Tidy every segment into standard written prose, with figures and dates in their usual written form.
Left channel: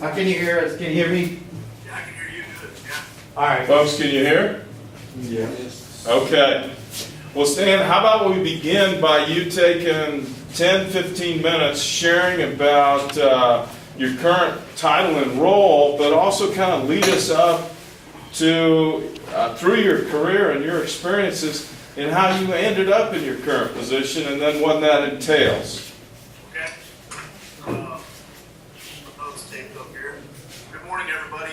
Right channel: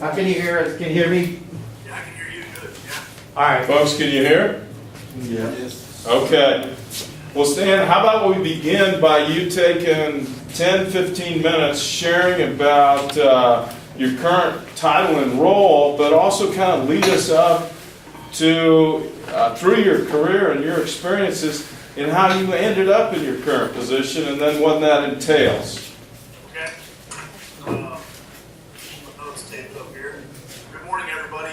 Can you hear us? Can you hear me? Yeah, I can hear you good. Yeah. All right. Folks, can you hear? Yeah. Okay. Well, Stan, how about we begin by you taking 10, 15 minutes sharing about your current title and role, but also kind of lead us up to, through your career and your experiences, and how you ended up in your current position, and then what that entails. Okay. Notes taped up here. Good morning, everybody.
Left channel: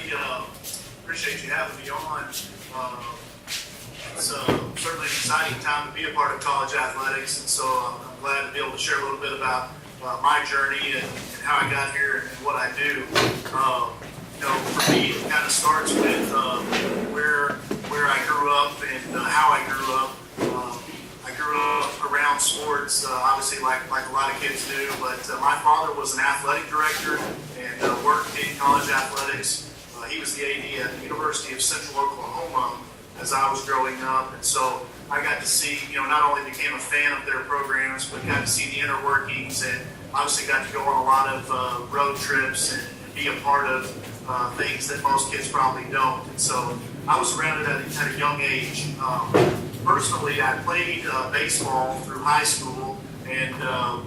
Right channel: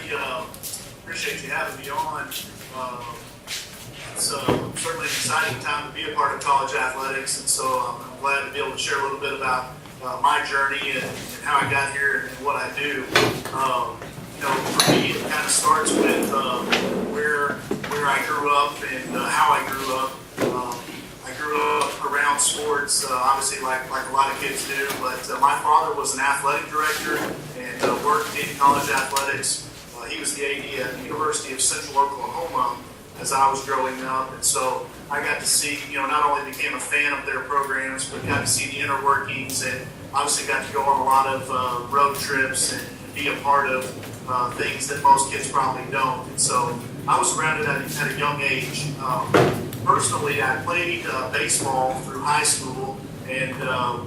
Appreciate you having me on. It's certainly an exciting time to be a part of college athletics, and so I'm glad to be able to share a little bit about my journey and how I got here and what I do. For me, it kind of starts with where I grew up and how I grew up. I grew up around sports, obviously like a lot of kids do, but my father was an athletic director and worked in college athletics. He was the AD at the University of Central Oklahoma as I was growing up, and so I got to see, not only became a fan of their programs, but got to see the inner workings, and obviously got to go on a lot of road trips and be a part of things that most kids probably don't. And so I was around it at a young age. Personally, I played baseball through high school and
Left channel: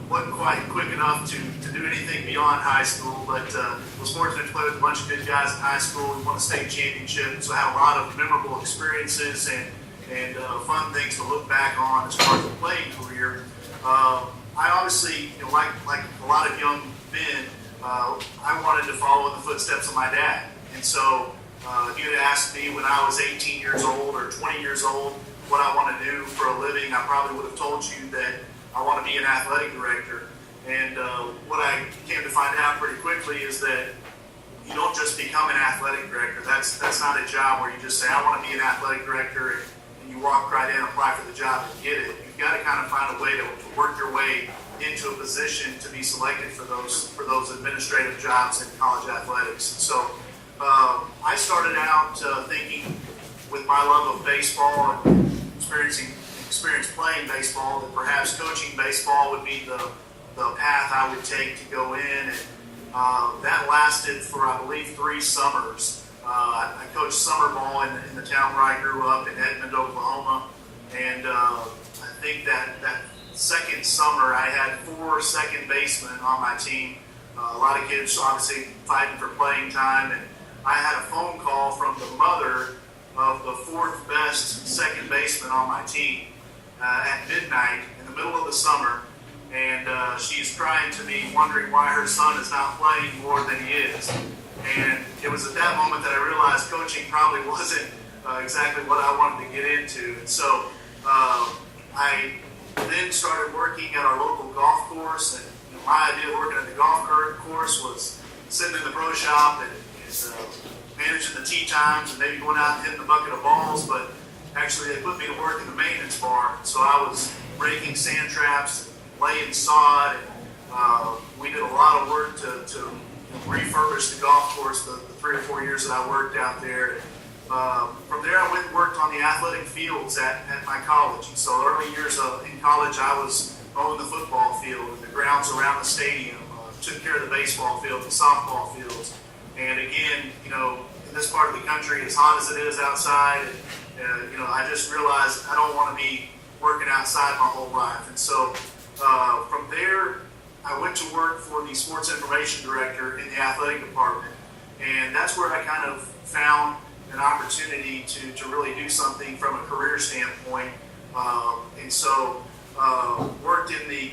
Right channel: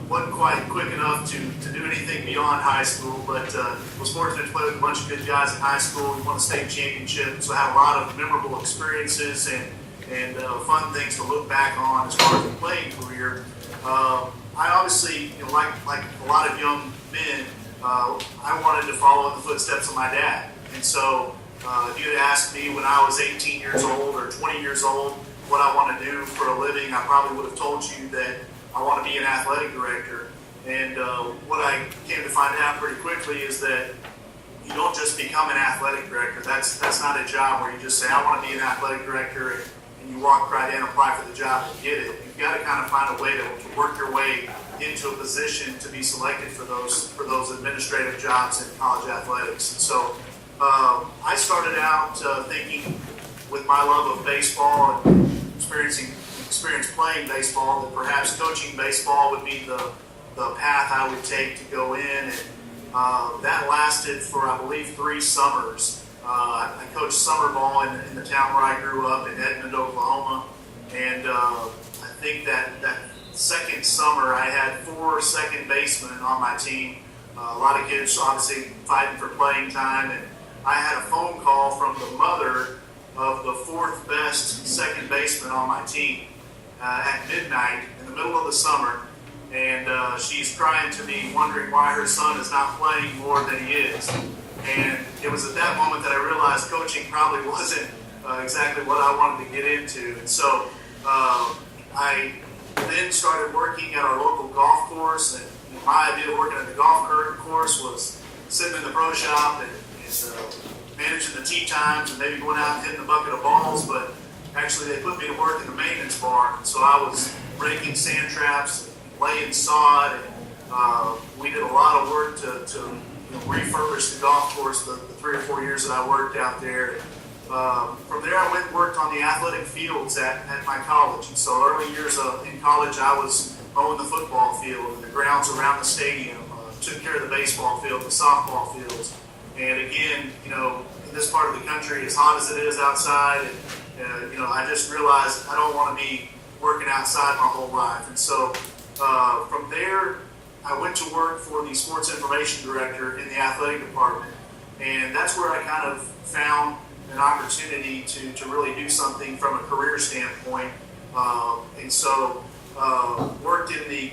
wasn't quite quick enough to do anything beyond high school, but was fortunate to play with a bunch of good guys in high school. We won a state championship, so I had a lot of memorable experiences and fun things to look back on as far as the playing career. I obviously, like a lot of young men, I wanted to follow in the footsteps of my dad. And so if you had asked me when I was 18 years old or 20 years old what I want to do for a living, I probably would have told you that I want to be an athletic director. And what I came to find out pretty quickly is that you don't just become an athletic director. That's not a job where you just say, I want to be an athletic director, and you walk right in, apply for the job, and get it. You've got to kind of find a way to work your way into a position to be selected for those administrative jobs in college athletics. And so I started out thinking, with my love of baseball and experience playing baseball, that perhaps coaching baseball would be the path I would take to go in. And that lasted for, I believe, 3 summers. I coached summer ball in the town where I grew up in Edmond, Oklahoma. And I think that second summer I had 4 second basemen on my team. A lot of kids obviously fighting for playing time. And I had a phone call from the mother of the 4th best second baseman on my team at midnight in the middle of the summer, and she's crying to me, wondering why her son is not playing more than he is. And it was at that moment that I realized coaching probably wasn't exactly what I wanted to get into. And so I then started working at our local golf course, and my idea of working at the golf course was sitting in the pro shop and managing the tee times and maybe going out and hitting a bucket of balls, but actually they put me to work in the maintenance bar. So I was raking sand traps, laying sod, and we did a lot of work to refurbish the golf course the 3 or 4 years that I worked out there. From there I went and worked on the athletic fields at my college. And so early years in college I was mowing the football field and the grounds around the stadium, took care of the baseball field, the softball fields. And again, in this part of the country, as hot as it is outside, and I just realized I don't want to be working outside my whole life. And so from there, I went to work for the sports information director in the athletic department. And that's where I kind of found an opportunity to really do something from a career standpoint. And so worked in the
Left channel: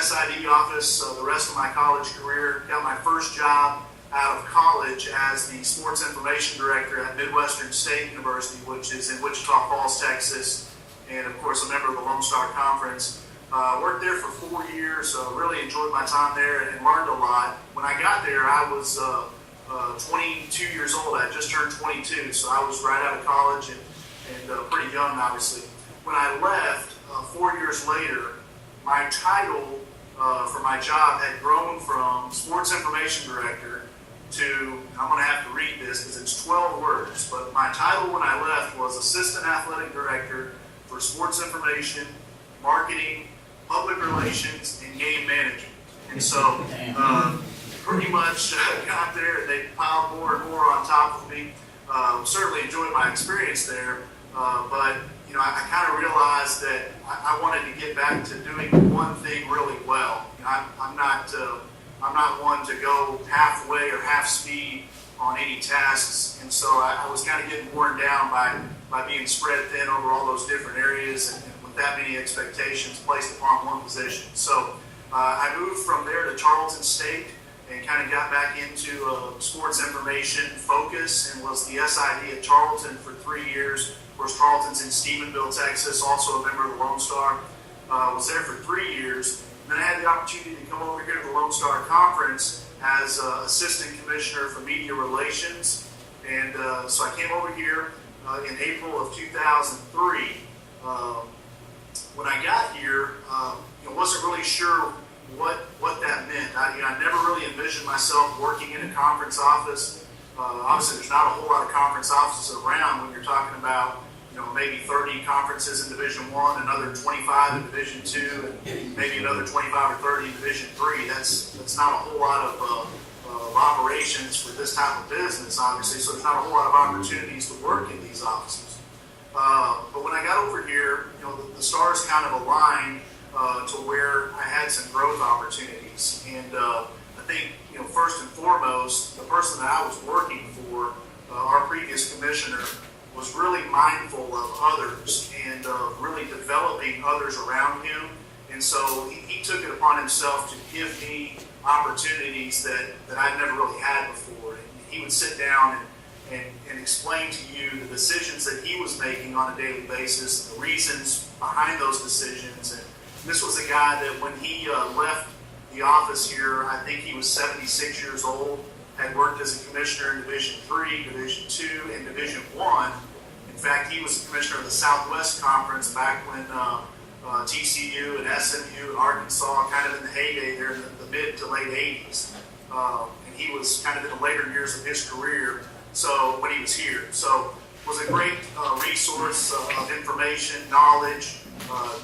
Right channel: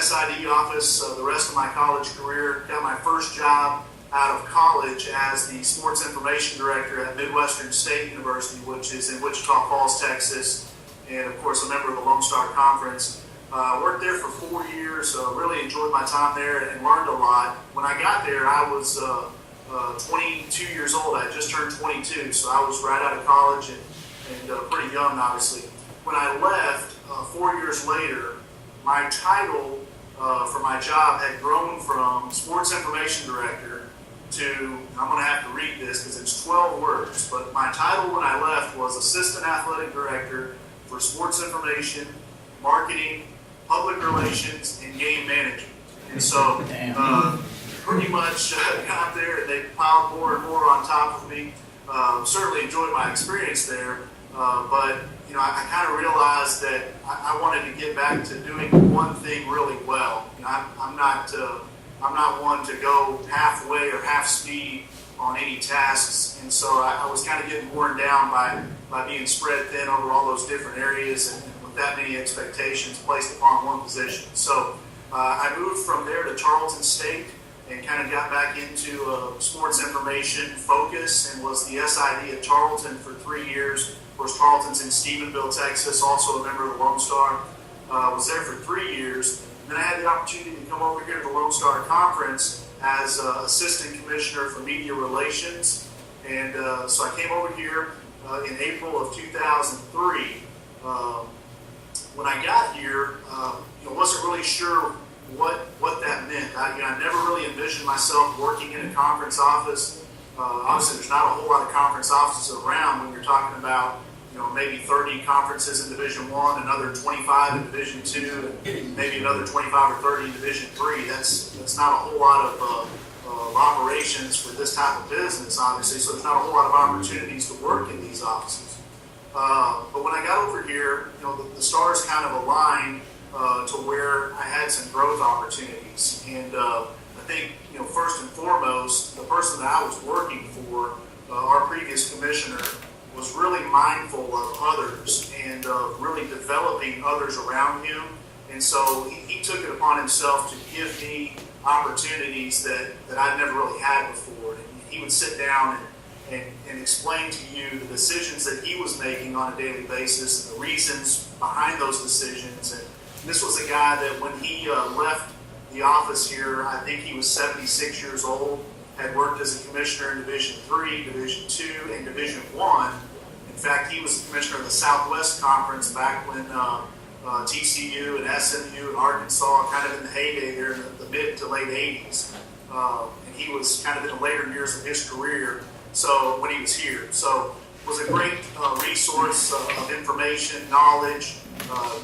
SID office the rest of my college career, got my first job out of college as the sports information director at Midwestern State University, which is in Wichita Falls, Texas, and of course a member of the Lone Star Conference. Worked there for 4 years, really enjoyed my time there and learned a lot. When I got there, I was 22 years old. I had just turned 22, so I was right out of college and pretty young, obviously. When I left, 4 years later, my title for my job had grown from sports information director to, I'm going to have to read this because it's 12 words, but my title when I left was Assistant Athletic Director for Sports Information, Marketing, Public Relations, and Game Management. And so pretty much got there and they piled more and more on top of me. Certainly enjoyed my experience there, but I kind of realized that I wanted to get back to doing one thing really well. I'm not one to go halfway or half speed on any tasks, and so I was kind of getting worn down by being spread thin over all those different areas and with that many expectations placed upon one position. So I moved from there to Tarleton State and kind of got back into sports information focus and was the SID at Tarleton for 3 years. Of course, Tarleton's in Stephenville, Texas, also a member of the Lone Star. Was there for 3 years. And then I had the opportunity to come over here to the Lone Star Conference as Assistant Commissioner for Media Relations. And so I came over here in April of 2003. When I got here, wasn't really sure what that meant. I never really envisioned myself working in a conference office. Obviously, there's not a whole lot of conference offices around when you're talking about maybe 30 conferences in Division I, another 25 in Division II, and maybe another 25 or 30 in Division III. That's not a whole lot of operations for this type of business, obviously. So there's not a whole lot of opportunities to work in these offices. But when I got over here, the stars kind of aligned to where I had some growth opportunities. And I think, first and foremost, the person that I was working for, our previous commissioner, was really mindful of others and really developing others around him. And so he took it upon himself to give me opportunities that I'd never really had before. And he would sit down and explain to you the decisions that he was making on a daily basis and the reasons behind those decisions. And this was a guy that when he left the office here, I think he was 76 years old, had worked as a commissioner in Division III, Division II, and Division I. In fact, he was the commissioner of the Southwest Conference back when TCU and SMU and Arkansas kind of in the heyday there in the mid to late 80s. And he was kind of in the later years of his career when he was here. So it was a great resource of information, knowledge,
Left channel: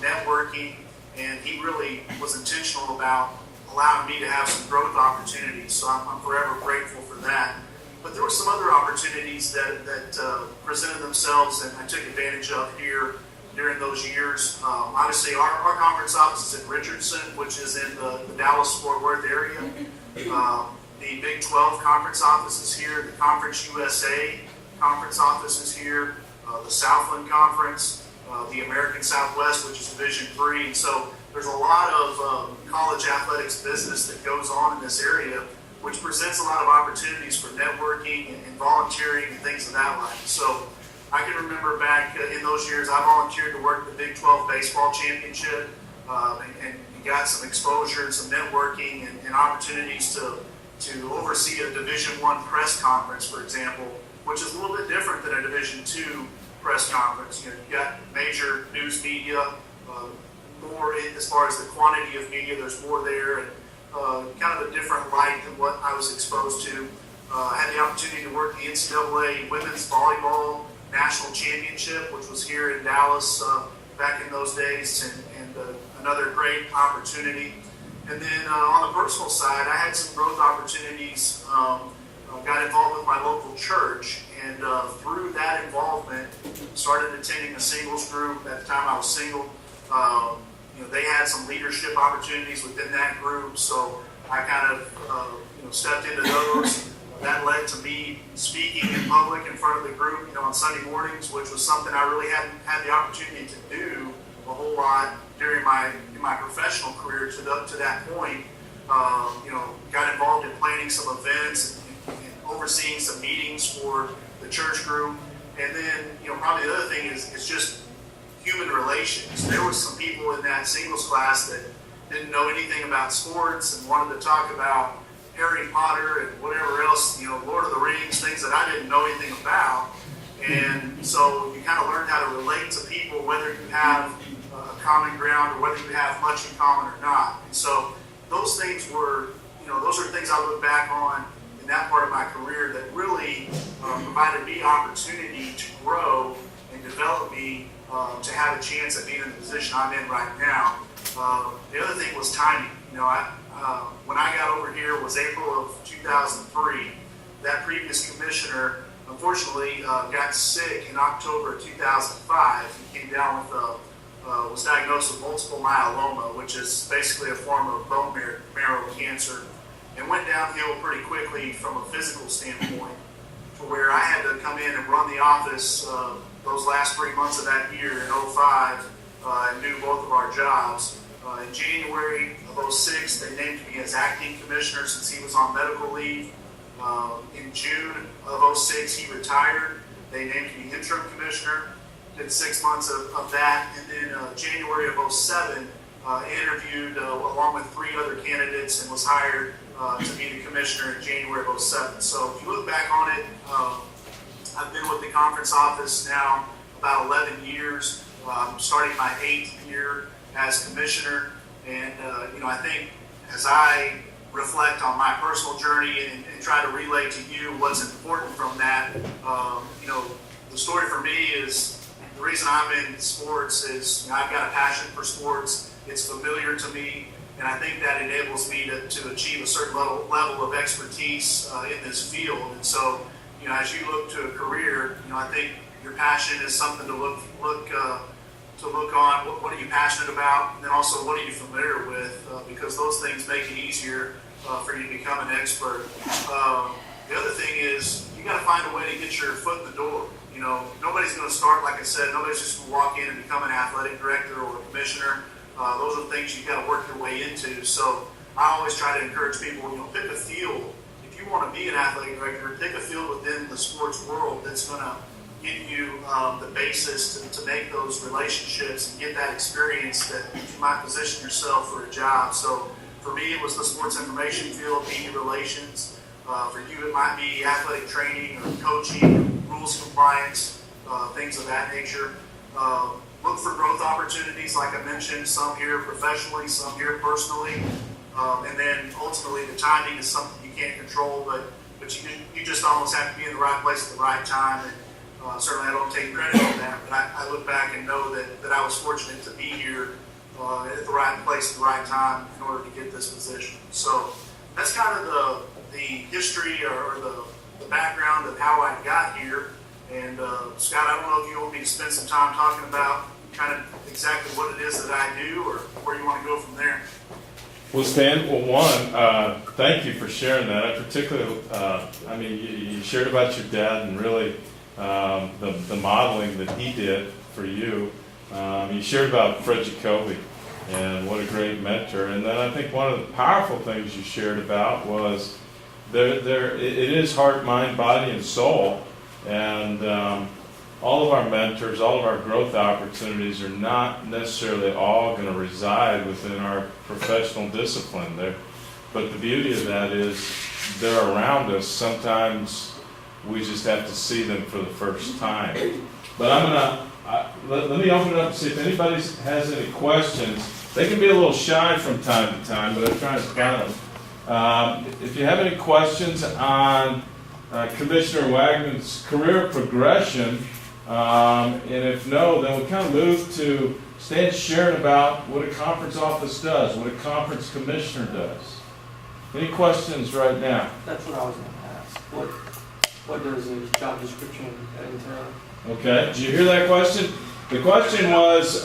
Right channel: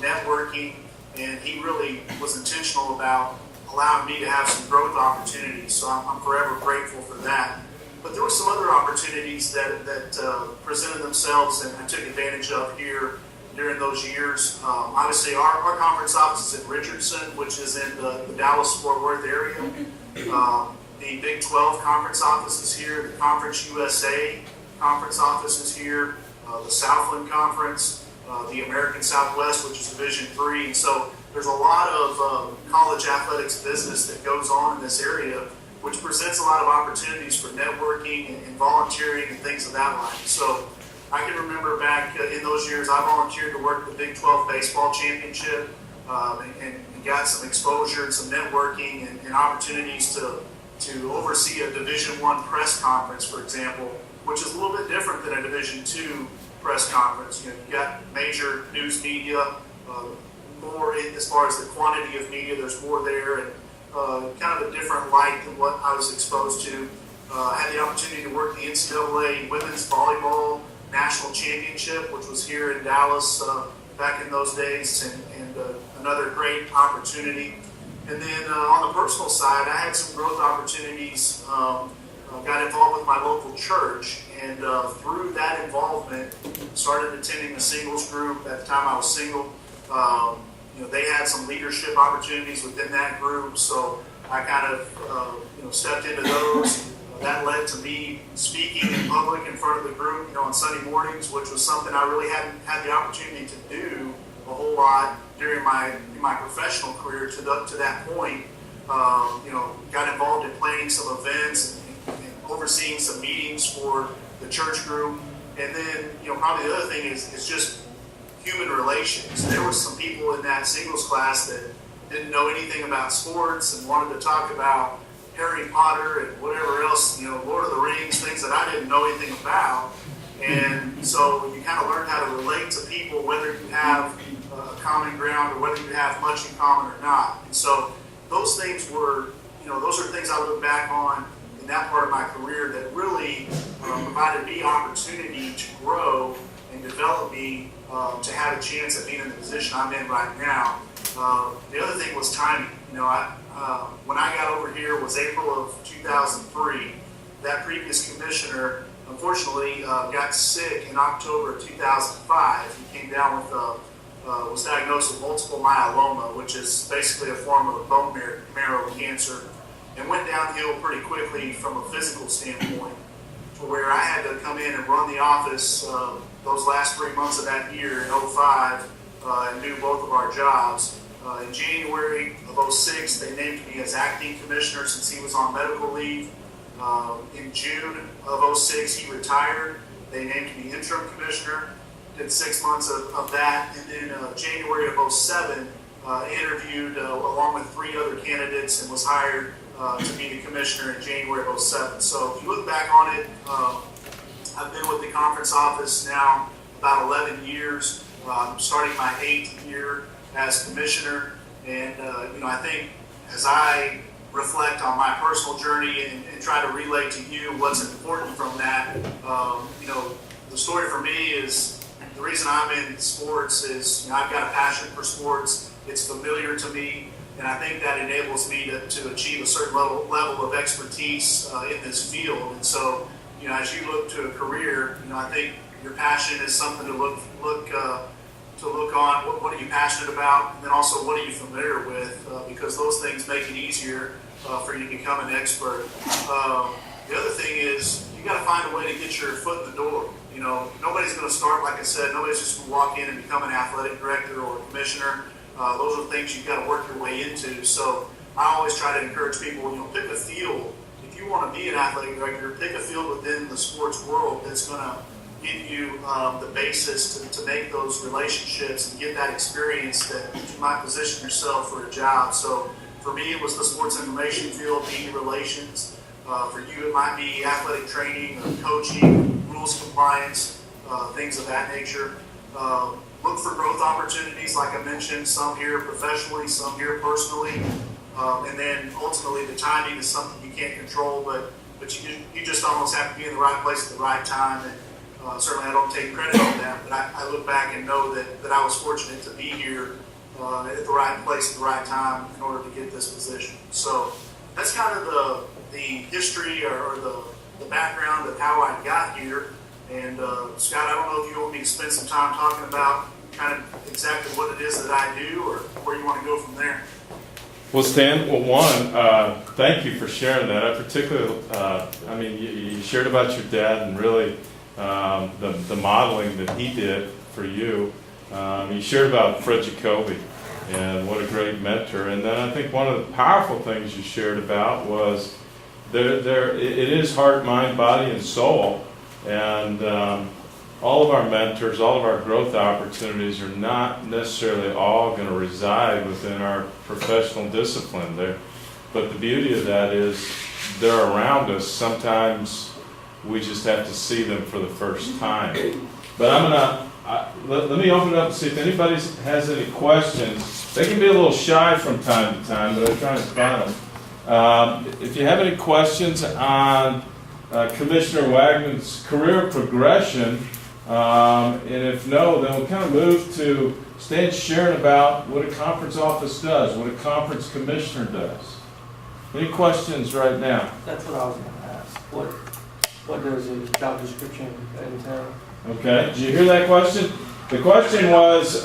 networking, and he really was intentional about allowing me to have some growth opportunities. So I'm forever grateful for that. But there were some other opportunities that presented themselves and I took advantage of here during those years. Obviously, our conference office is in Richardson, which is in the Dallas-Fort Worth area. The Big 12 conference office is here. The Conference USA conference office is here. The Southland Conference, the American Southwest, which is Division III. And so there's a lot of college athletics business that goes on in this area, which presents a lot of opportunities for networking and volunteering and things of that like. So I can remember back in those years, I volunteered to work the Big 12 Baseball Championship and got some exposure and some networking and opportunities to oversee a Division I press conference, for example, which is a little bit different than a Division II press conference. You got major news media, more as far as the quantity of media, there's more there, and kind of a different light than what I was exposed to. I had the opportunity to work the NCAA Women's Volleyball National Championship, which was here in Dallas back in those days, and another great opportunity. And then on the personal side, I had some growth opportunities. Got involved with my local church, and through that involvement, started attending a singles group. At the time, I was single. They had some leadership opportunities within that group, so I kind of stepped into those. That led to me speaking in public in front of the group, on Sunday mornings, which was something I really hadn't had the opportunity to do a whole lot during my professional career to that point. Got involved in planning some events and overseeing some meetings for the church group. And then, probably the other thing is just human relations. There was some people in that singles class that didn't know anything about sports and wanted to talk about Harry Potter and whatever else, Lord of the Rings, things that I didn't know anything about. And so you kind of learn how to relate to people, whether you have a common ground or whether you have much in common or not. And so those things were, those are things I look back on in that part of my career that really provided me opportunity to grow and develop me to have a chance at being in the position I'm in right now. The other thing was timing. I when I got over here was April of 2003. That previous commissioner, unfortunately, got sick in October of 2005. He came down with was diagnosed with multiple myeloma, which is basically a form of bone marrow cancer, and went downhill pretty quickly from a physical standpoint, to where I had to come in and run the office those last 3 months of that year in 05 and do both of our jobs. In January of 06, they named me as acting commissioner since he was on medical leave. In June of 06, he retired. They named me interim commissioner. Did 6 months of that, and then January of 07, interviewed along with 3 other candidates and was hired to be the commissioner in January of 07. So if you look back on it, I've been with the conference office now about 11 years. I'm starting my 8th year as commissioner, and I think as I reflect on my personal journey and try to relay to you what's important from that, the story for me is, the reason I'm in sports is I've got a passion for sports. It's familiar to me, and I think that enables me to achieve a certain level of expertise in this field. And so, as you look to a career, I think your passion is something to look on. What are you passionate about? And then also, what are you familiar with? Because those things make it easier for you to become an expert. The other thing is, you got to find a way to get your foot in the door. Nobody's going to start, like I said, nobody's just going to walk in and become an athletic director or a commissioner. Those are things you've got to work your way into. So I always try to encourage people, pick a field. If you want to be an athletic director, pick a field within the sports world that's going to give you the basis to make those relationships and get that experience that you might position yourself for a job. So for me, it was the sports information field, media relations. For you, it might be athletic training or coaching, rules compliance, things of that nature. Look for growth opportunities, like I mentioned, some here professionally, some here personally. And then ultimately the timing is something you can't control, but you just almost have to be in the right place at the right time. And certainly I don't take credit on that, but I look back and know that I was fortunate to be here at the right place at the right time in order to get this position. So that's kind of the history or the background of how I got here. And Scott, I don't know if you want me to spend some time talking about kind of exactly what it is that I do, or where you want to go from there. Well, Stan, thank you for sharing that. I particularly, you shared about your dad and really the modeling that he did for you. You shared about Fred Jacoby and what a great mentor. And then I think one of the powerful things you shared about was it is heart, mind, body, and soul. And all of our mentors, all of our growth opportunities are not necessarily all going to reside within our professional discipline there. But the beauty of that is they're around us. Sometimes we just have to see them for the first time. But let me open it up and see if anybody has any questions. They can be a little shy from time to time, but I try and find them. If you have any questions on Commissioner Wagnon's career progression, and if no, then we'll kind of move to Stan sharing about what a conference office does, what a conference commissioner does. Any questions right now? That's what I was going to ask. What does a job description entail? Okay, did you hear that question? The question was,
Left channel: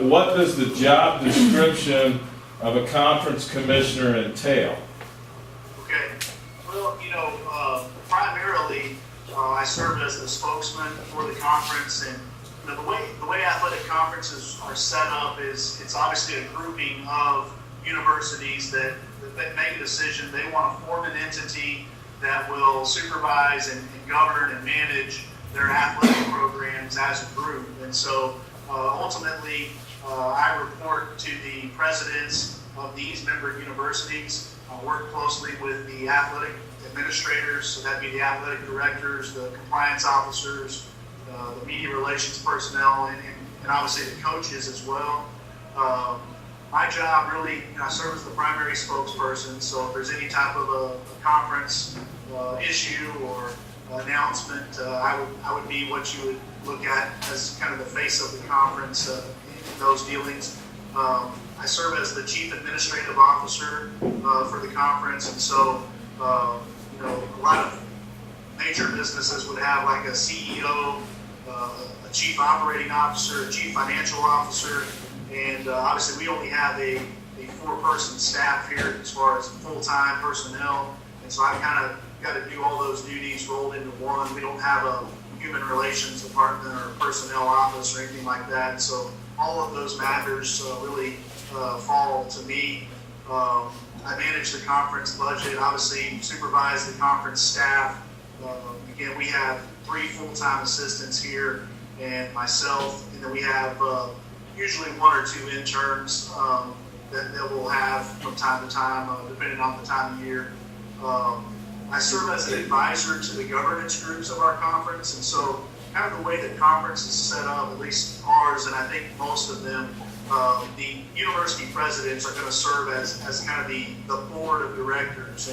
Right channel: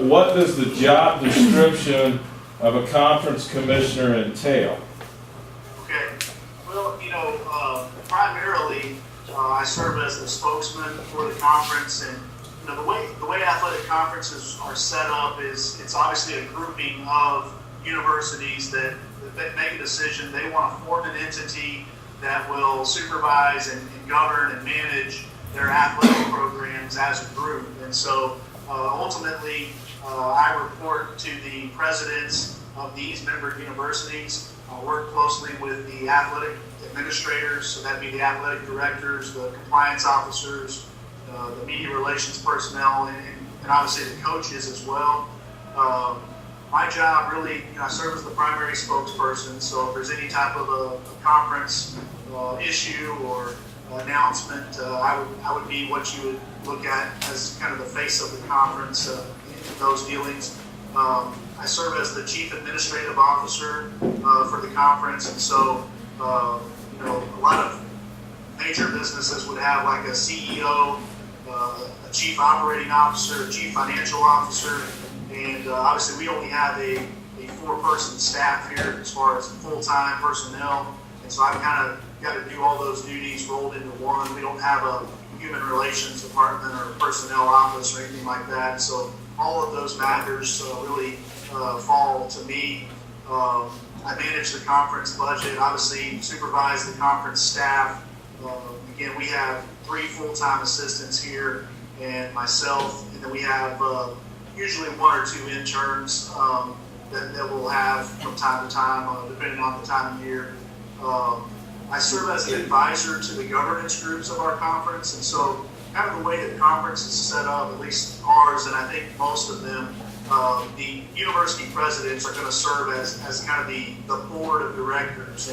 what does the job description of a conference commissioner entail? Okay. Well, primarily I serve as the spokesman for the conference, and the way athletic conferences are set up is it's obviously a grouping of universities that make a decision. They want to form an entity that will supervise and govern and manage their athletic programs as a group. And so ultimately I report to the presidents of these member universities. I work closely with the athletic administrators, so that'd be the athletic directors, the compliance officers, the media relations personnel, and obviously the coaches as well. My job really, I serve as the primary spokesperson, so if there's any type of a conference issue or announcement, I would be what you would look at as kind of the face of the conference in those dealings. I serve as the Chief Administrative Officer for the conference, and so a lot of major businesses would have like a CEO, a Chief Operating Officer, a Chief Financial Officer, and obviously we only have a 4-person staff here as far as full-time personnel, and so I've kind of got to do all those duties rolled into one. We don't have a human relations department or personnel office or anything like that, so all of those matters really fall to me. I manage the conference budget, obviously supervise the conference staff. Again, we have 3 full-time assistants here and myself, and then we have usually 1 or 2 interns that we'll have from time to time, depending on the time of year. I serve as an advisor to the governance groups of our conference, and so kind of the way the conference is set up, at least ours, and I think most of them, the university presidents are going to serve as kind of the board of directors,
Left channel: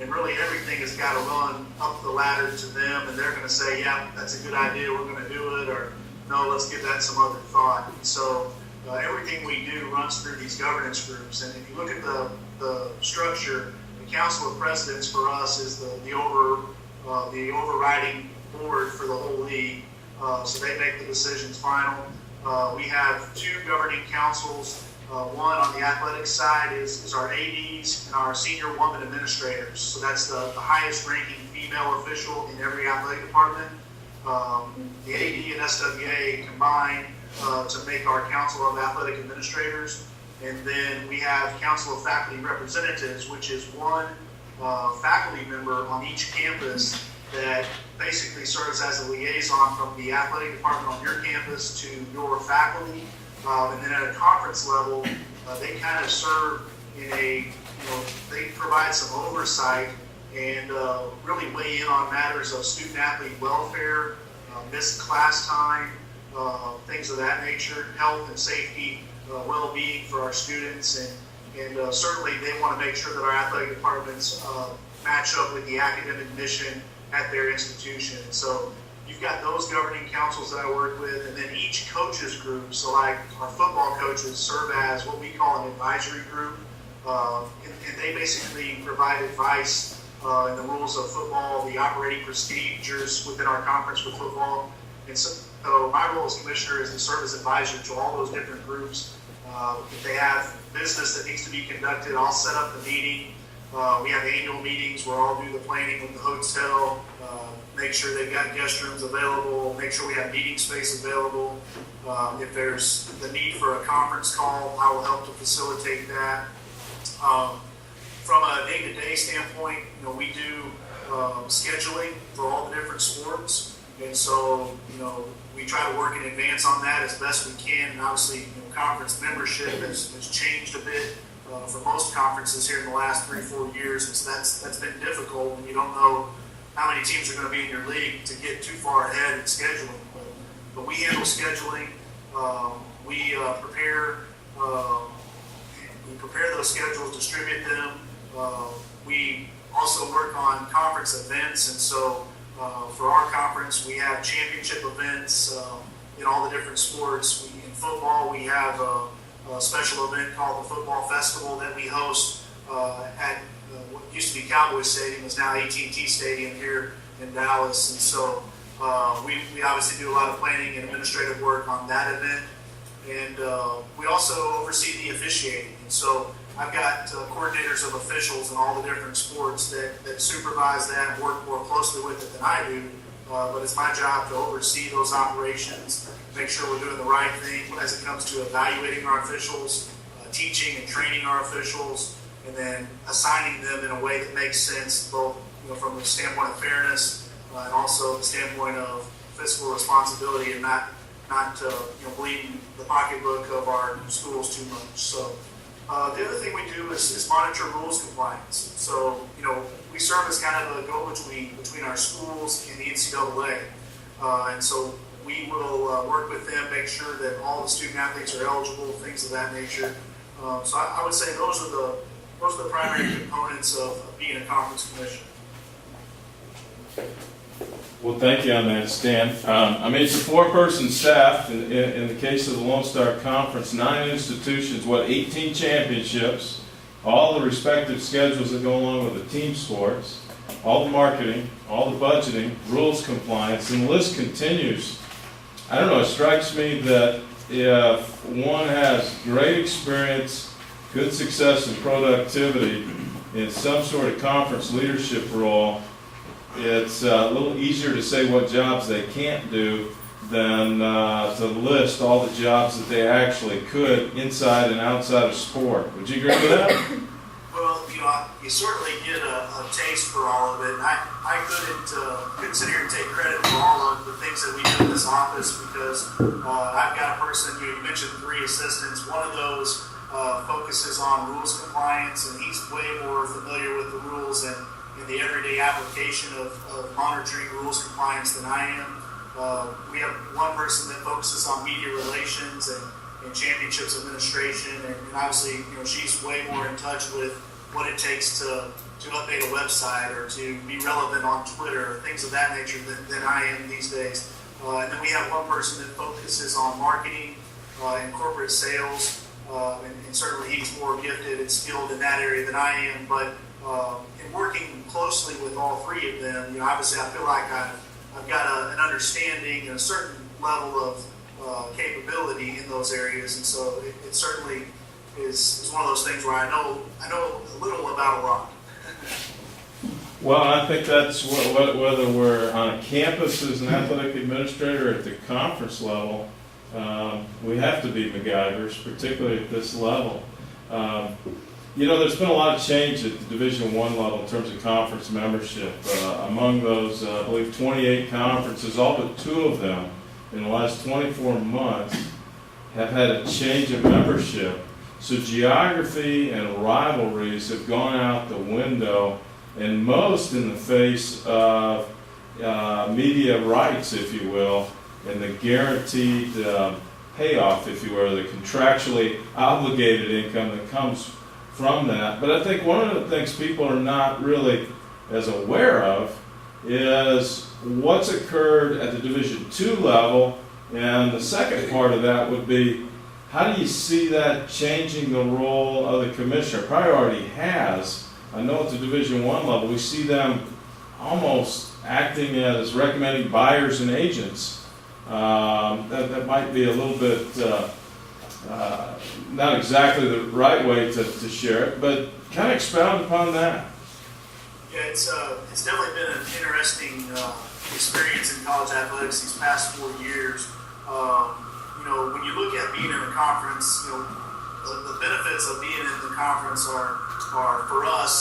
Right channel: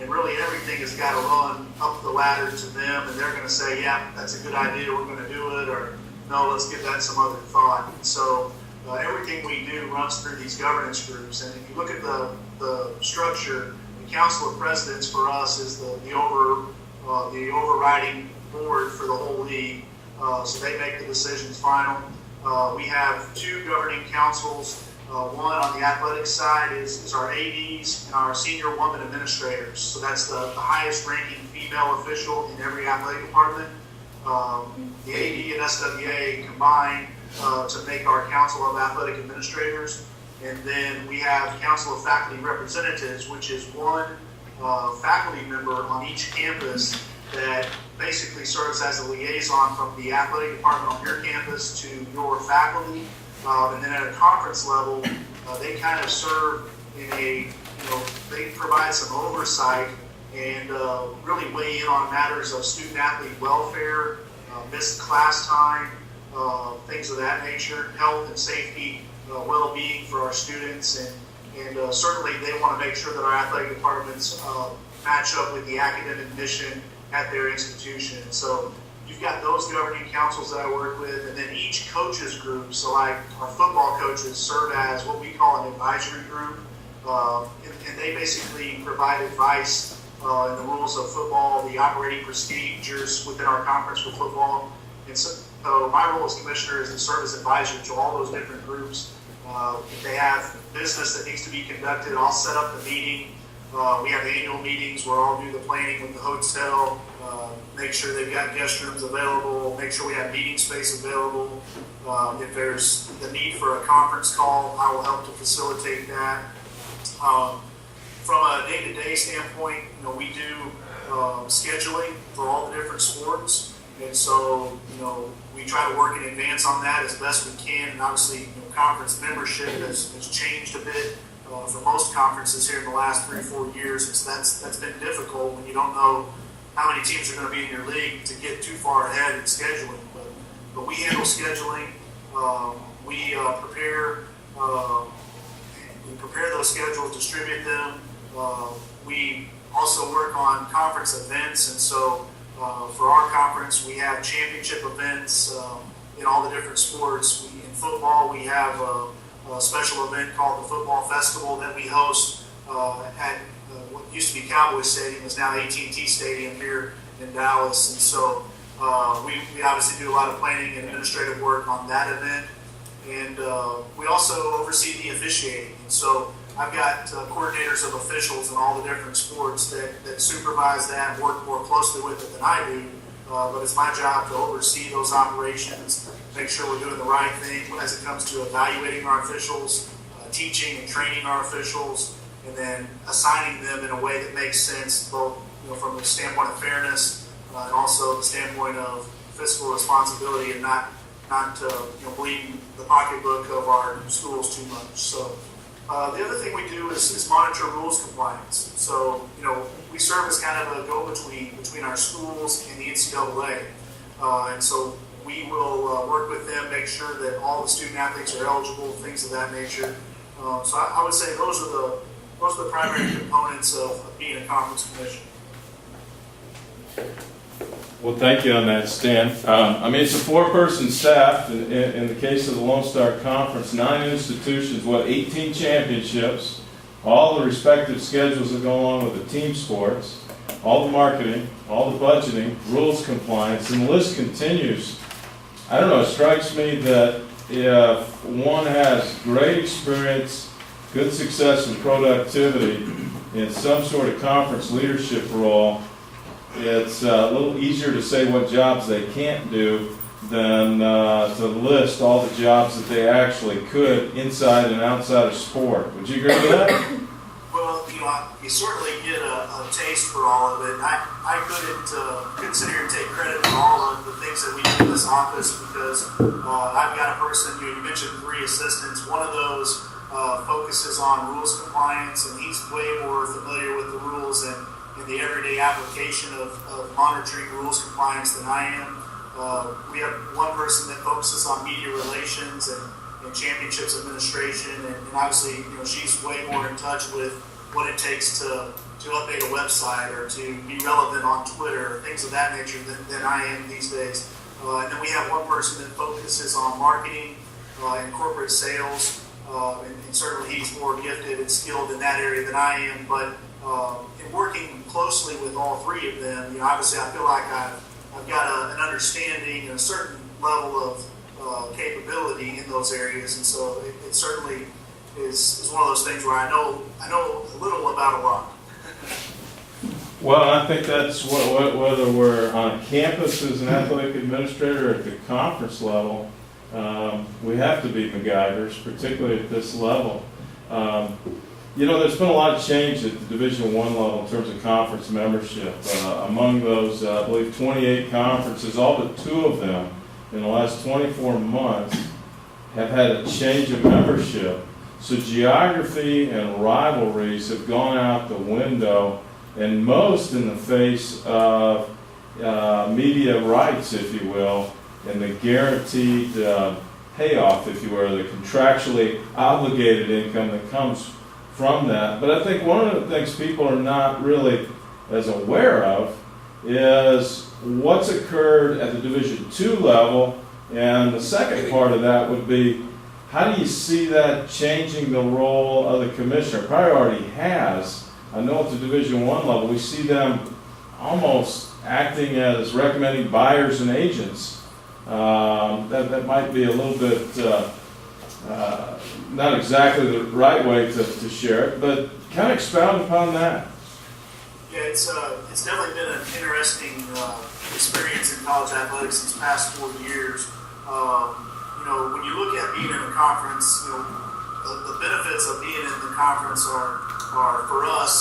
and really everything has got to run up the ladder to them, and they're going to say, yeah, that's a good idea, we're going to do it, or no, let's give that some other thought. And so everything we do runs through these governance groups, and if you look at the structure, the Council of Presidents for us is the overriding board for the whole league, so they make the decisions final. We have 2 governing councils. One on the athletic side is our ADs and our senior woman administrators. So that's the highest ranking female official in every athletic department. The AD and SWA combine to make our Council of Athletic Administrators. And then we have Council of Faculty Representatives, which is 1 faculty member on each campus that basically serves as a liaison from the athletic department on your campus to your faculty. And then at a conference level, they kind of serve in they provide some oversight and really weigh in on matters of student-athlete welfare, missed class time, things of that nature, health and safety, well-being for our students, and certainly they want to make sure that our athletic departments match up with the academic mission at their institution. So you've got those governing councils that I work with, and then each coaches group, so like our football coaches serve as what we call an advisory group, and they basically provide advice in the rules of football, the operating procedures within our conference for football. And so my role as commissioner is to serve as advisor to all those different groups. If they have business that needs to be conducted, I'll set up the meeting. We have annual meetings where I'll do the planning with the hotel, make sure they've got guest rooms available, make sure we have meeting space available. If there's the need for a conference call, I will help to facilitate that. From a day-to-day standpoint, we do scheduling for all the different sports, and so we try to work in advance on that as best we can. And obviously, conference membership has changed a bit for most conferences here in the last 3 or 4 years, and so that's been difficult when you don't know how many teams are going to be in your league to get too far ahead in scheduling. But we handle scheduling. We prepare those schedules, distribute them. We also work on conference events, and so for our conference, we have championship events in all the different sports. In football, we have a special event called the Football Festival that we host at what used to be Cowboys Stadium, is now AT&T Stadium here in Dallas. And so we obviously do a lot of planning and administrative work on that event. And we also oversee the officiating. And so I've got coordinators of officials in all the different sports that supervise that and work more closely with it than I do. But it's my job to oversee those operations, make sure we're doing the right thing as it comes to evaluating our officials, teaching and training our officials, and then assigning them in a way that makes sense, both from the standpoint of fairness and also the standpoint of fiscal responsibility, and not bleeding the pocketbook of our schools too much. So the other thing we do is monitor rules compliance. So we serve as kind of a go-between between our schools and the NCAA, and so we will work with them, make sure that all the student athletes are eligible, things of that nature. So I would say those are the primary components of being a conference commissioner. Well, thank you on that, Stan. It's a 4-person staff. In the case of the Lone Star Conference, 9 institutions, 18 championships, all the respective schedules that go along with the team sports, all the marketing, all the budgeting, rules compliance, and the list continues. I don't know, it strikes me that if one has great experience, good success and productivity in some sort of conference leadership role, it's a little easier to say what jobs they can't do than to list all the jobs that they actually could inside and outside of sport. Would you agree with that? Well, you certainly get a taste for all of it. I couldn't sit here and take credit for all of the things that we do in this office because I've got a person, you mentioned 3 assistants. One of those focuses on rules compliance, and he's way more familiar with the rules and the everyday application of monitoring rules compliance than I am. We have one person that focuses on media relations and championships administration, and obviously, she's way more in touch with what it takes to update a website or to be relevant on Twitter or things of that nature than I am these days. And then we have one person that focuses on marketing and corporate sales, and certainly he's more gifted and skilled in that area than I am. But in working closely with all 3 of them, obviously I feel like I've got an understanding and a certain level of capability in those areas, and so it certainly is one of those things where I know a little about a lot. Well, I think that's whether we're on a campus as an athletic administrator or at the conference level, we have to be MacGyvers, particularly at this level. There's been a lot of change at the Division I level in terms of conference membership. Among those, I believe 28 conferences, all but 2 of them in the last 24 months have had a change of membership. So geography and rivalries have gone out the window, and most in the face of media rights, if you will, and the guaranteed payoff, if you will, the contractually obligated income that comes from that. But I think one of the things people are not really as aware of is what's occurred at the Division II level, and the second part of that would be, how do you see that changing the role of the commissioner? Probably already has. I know at the Division I level, we see them almost acting as recommending buyers and agents. That might be a little bit not exactly the right way to share it, but kind of expound upon that. Yeah, it's definitely been an interesting experience in college athletics these past 4 years. When you look at being in a conference, the benefits of being in the conference are for us,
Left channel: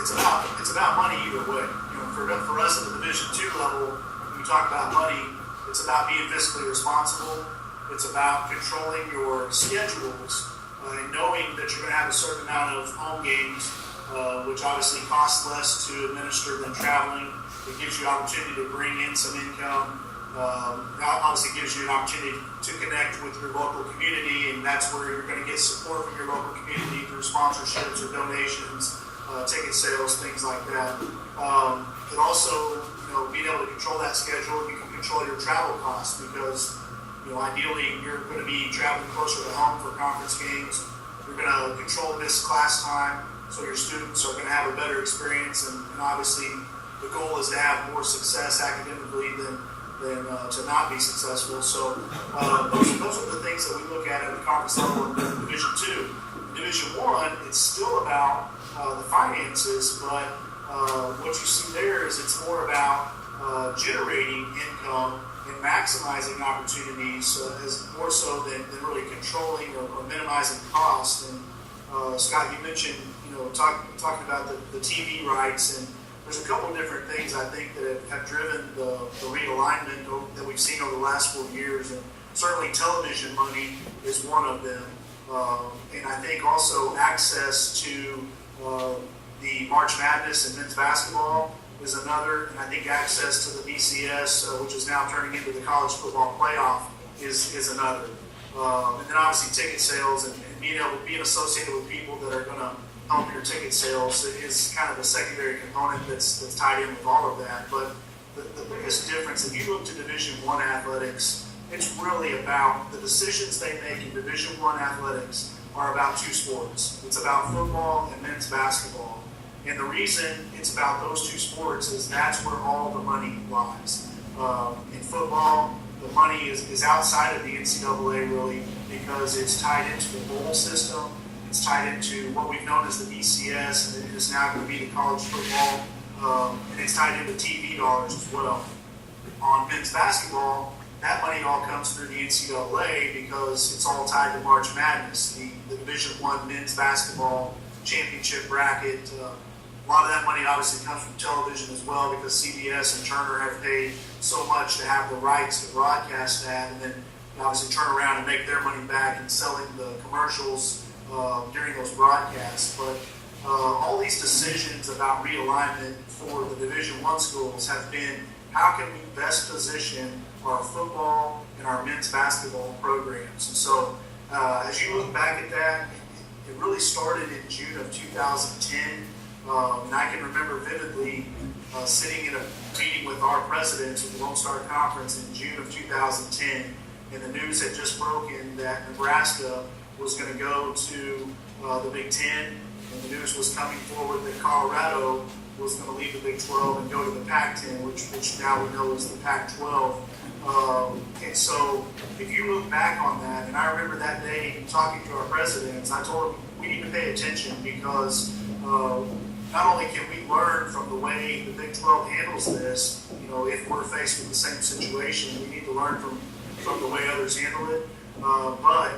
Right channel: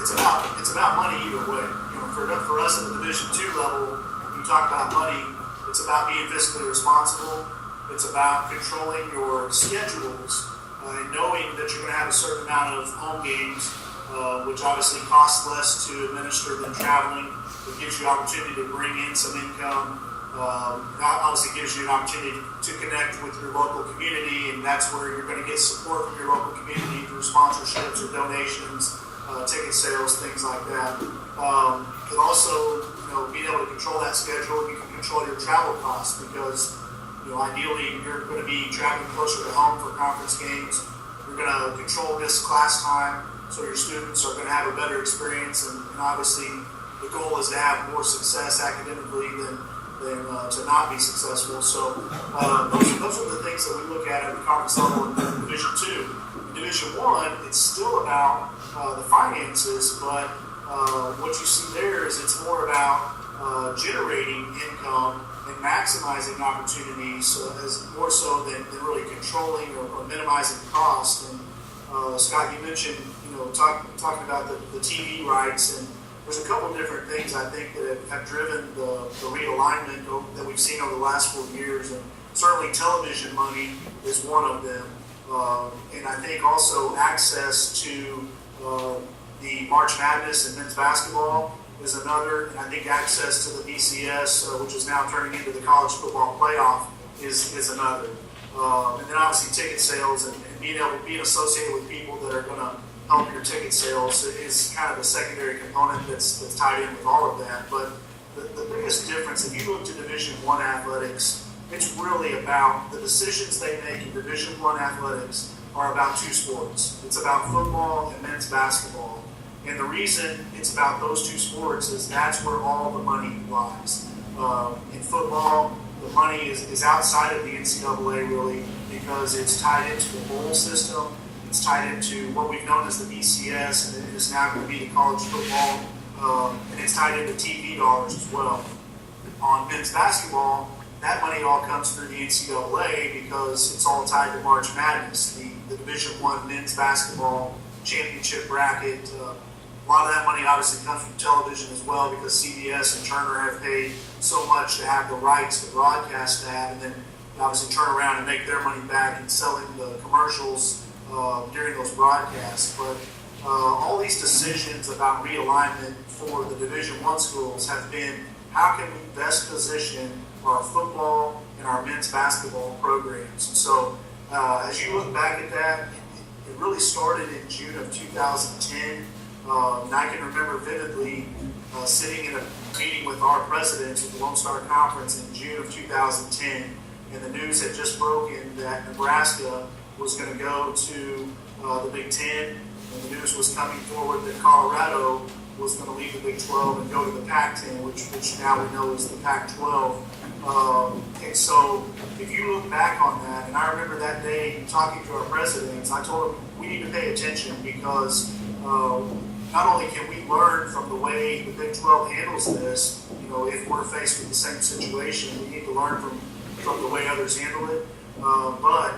it's about money either way. For us at the Division II level, when you talk about money, it's about being fiscally responsible. It's about controlling your schedules and knowing that you're going to have a certain amount of home games, which obviously costs less to administer than traveling. It gives you opportunity to bring in some income. Obviously gives you an opportunity to connect with your local community, and that's where you're going to get support from your local community through sponsorships or donations, ticket sales, things like that. But also, being able to control that schedule, you can control your travel costs because, ideally you're going to be traveling closer to home for conference games. You're going to control missed class time, so your students are going to have a better experience, and obviously the goal is to have more success academically than to not be successful. So those are the things that we look at the conference level in Division II. In Division I, it's still about the finances, but what you see there is it's more about generating income and maximizing opportunities as more so than really controlling or minimizing cost. And Scott, you mentioned talking about the TV rights, and there's a couple of different things I think that have driven the realignment that we've seen over the last 4 years, and certainly television money is one of them. And I think also access to the March Madness and men's basketball is another, and I think access to the BCS, which is now turning into the college football playoff, is another. And then obviously ticket sales and being associated with people that are going to help your ticket sales is kind of a secondary component that's tied in with all of that. But the biggest difference, if you look to Division I athletics, it's really about the decisions they make in Division I athletics are about two sports. It's about football and men's basketball. And the reason it's about those two sports is that's where all the money lies. In football, the money is outside of the NCAA really because it's tied into the bowl system. It's tied into what we've known as the BCS, and it is now going to be the college football. And it's tied into TV dollars as well. On men's basketball, that money all comes through the NCAA because it's all tied to March Madness, the Division I men's basketball championship bracket. A lot of that money obviously comes from television as well because CBS and Turner have paid so much to have the rights to broadcast that, and then obviously turn around and make their money back in selling the commercials during those broadcasts. But all these decisions about realignment for the Division I schools have been how can we best position our football and our men's basketball programs. And so as you look back at that, it really started in June of 2010. And I can remember vividly sitting in a meeting with our presidents of the Lone Star Conference in June of 2010, and the news had just broken that Nebraska was going to go to the Big Ten, and the news was coming forward that Colorado was going to leave the Big 12 and go to the Pac-10, which now we know is the Pac-12. And so if you look back on that, and I remember that day talking to our presidents, I told them we need to pay attention because not only can we learn from the way the Big 12 handles this, if we're faced with the same situation, we need to learn from the way others handle it, but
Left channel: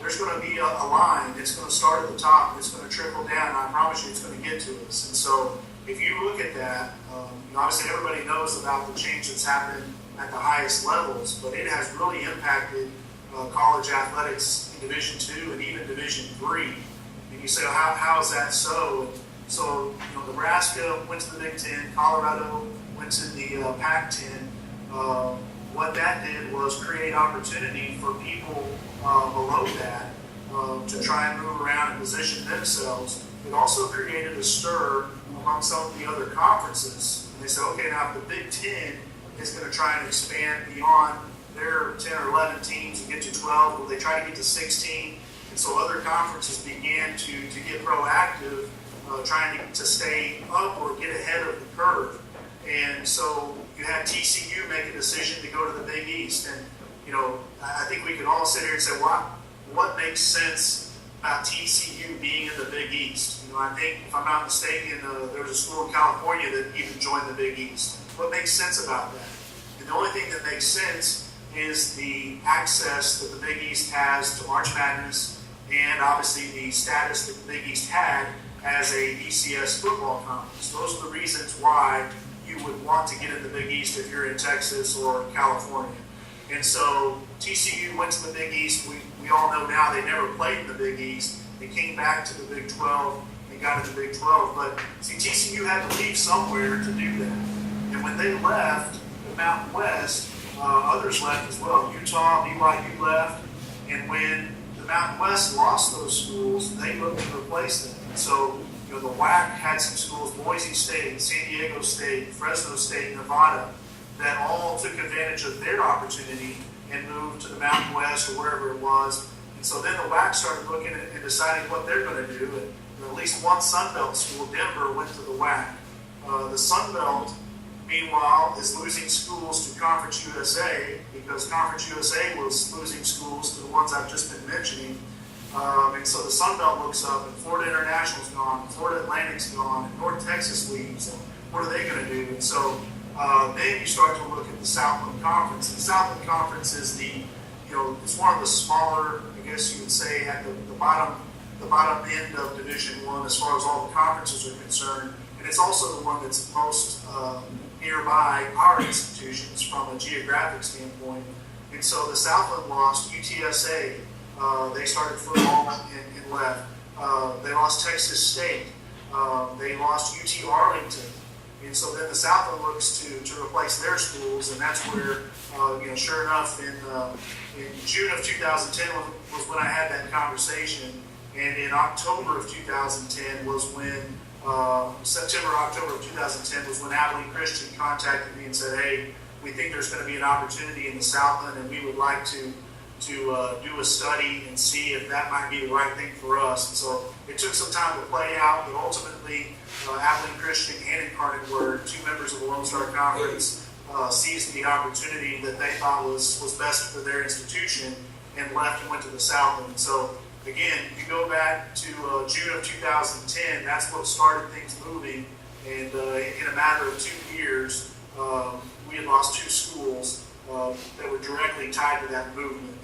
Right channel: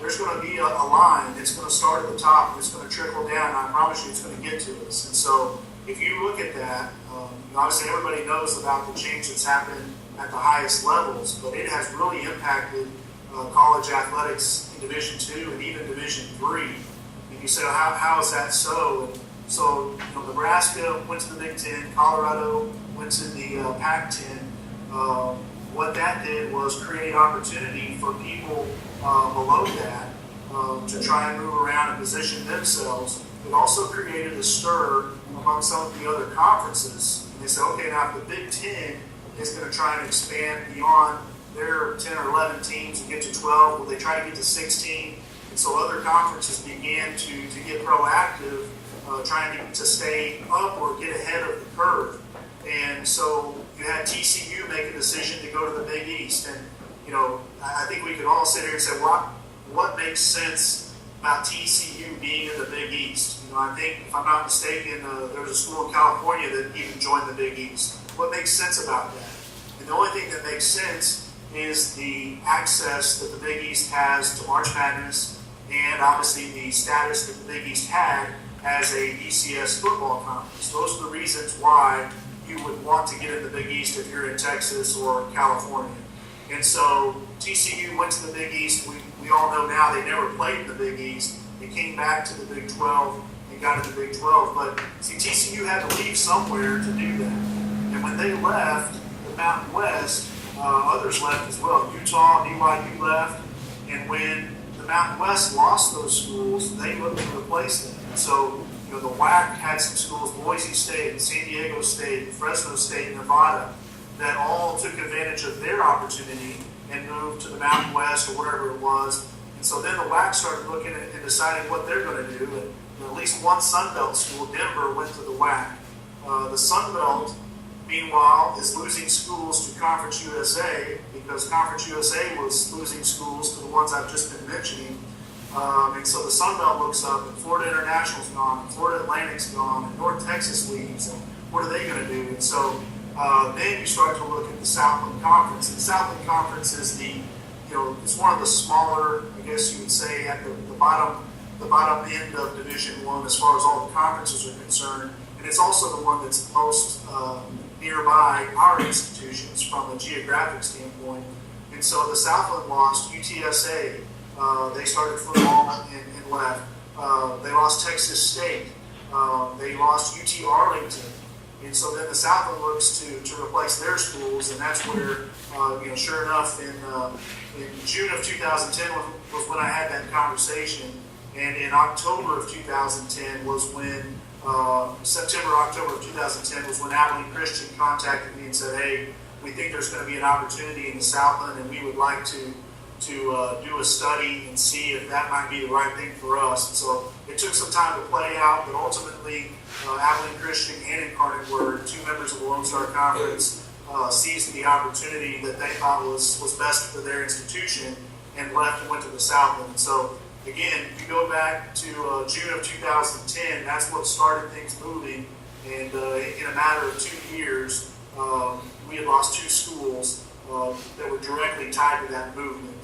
there's going to be a line that's going to start at the top and it's going to trickle down, and I promise you it's going to get to us. And so if you look at that, obviously everybody knows about the change that's happened at the highest levels, but it has really impacted college athletics in Division II and even Division III. And you say, well, how is that so? So, Nebraska went to the Big Ten, Colorado went to the Pac-10. What that did was create opportunity for people below that to try and move around and position themselves. It also created a stir among some of the other conferences. And they said, okay, now if the Big Ten is going to try and expand beyond their 10 or 11 teams and get to 12, will they try to get to 16? And so other conferences began to get proactive, trying to stay up or get ahead of the curve. And so you had TCU make a decision to go to the Big East. And, I think we could all sit here and say, what makes sense about TCU being in the Big East? I think, if I'm not mistaken, there's a school in California that even joined the Big East. What makes sense about that? And the only thing that makes sense is the access that the Big East has to March Madness and obviously the status that the Big East had as a BCS football conference. Those are the reasons why you would want to get in the Big East if you're in Texas or California. And so TCU went to the Big East. We all know now they never played in the Big East. They came back to the Big 12 and got in the Big 12. But see, TCU had to leave somewhere to do that. And when they left the Mountain West, others left as well. Utah, BYU left. And when the Mountain West lost those schools, they looked to replace them. And so, the WAC had some schools, Boise State, San Diego State, Fresno State, Nevada, that all took advantage of their opportunity and moved to the Mountain West or wherever it was. And so then the WAC started looking at and deciding what they're going to do. And at least one Sun Belt school, Denver, went to the WAC. The Sun Belt, meanwhile, is losing schools to Conference USA because Conference USA was losing schools to the ones I've just been mentioning. And so the Sun Belt looks up, and Florida International's gone, and Florida Atlantic's gone, and North Texas leaves, and what are they going to do? And so then you start to look at the Southland Conference. And the Southland Conference is it's one of the smaller, I guess you would say, at the bottom end of Division I as far as all the conferences are concerned. And it's also the one that's most nearby our institutions from a geographic standpoint. And so the Southland lost UTSA. They started football and left. They lost Texas State. They lost UT Arlington. And so then the Southland looks to replace their schools, and that's where, sure enough, in June of 2010 was when I had that conversation. And in October of 2010 was when, September, October of 2010 was when Abilene Christian contacted me and said, hey, we think there's going to be an opportunity in the Southland, and we would like to do a study and see if that might be the right thing for us. And so it took some time to play out, but ultimately Abilene Christian and Incarnate Word, two members of the Lone Star Conference, seized the opportunity that they thought was best for their institution and left and went to the Southland. So again, you go back to June of 2010, that's what started things moving, and in a matter of 2 years, we had lost 2 schools that were directly tied to that movement.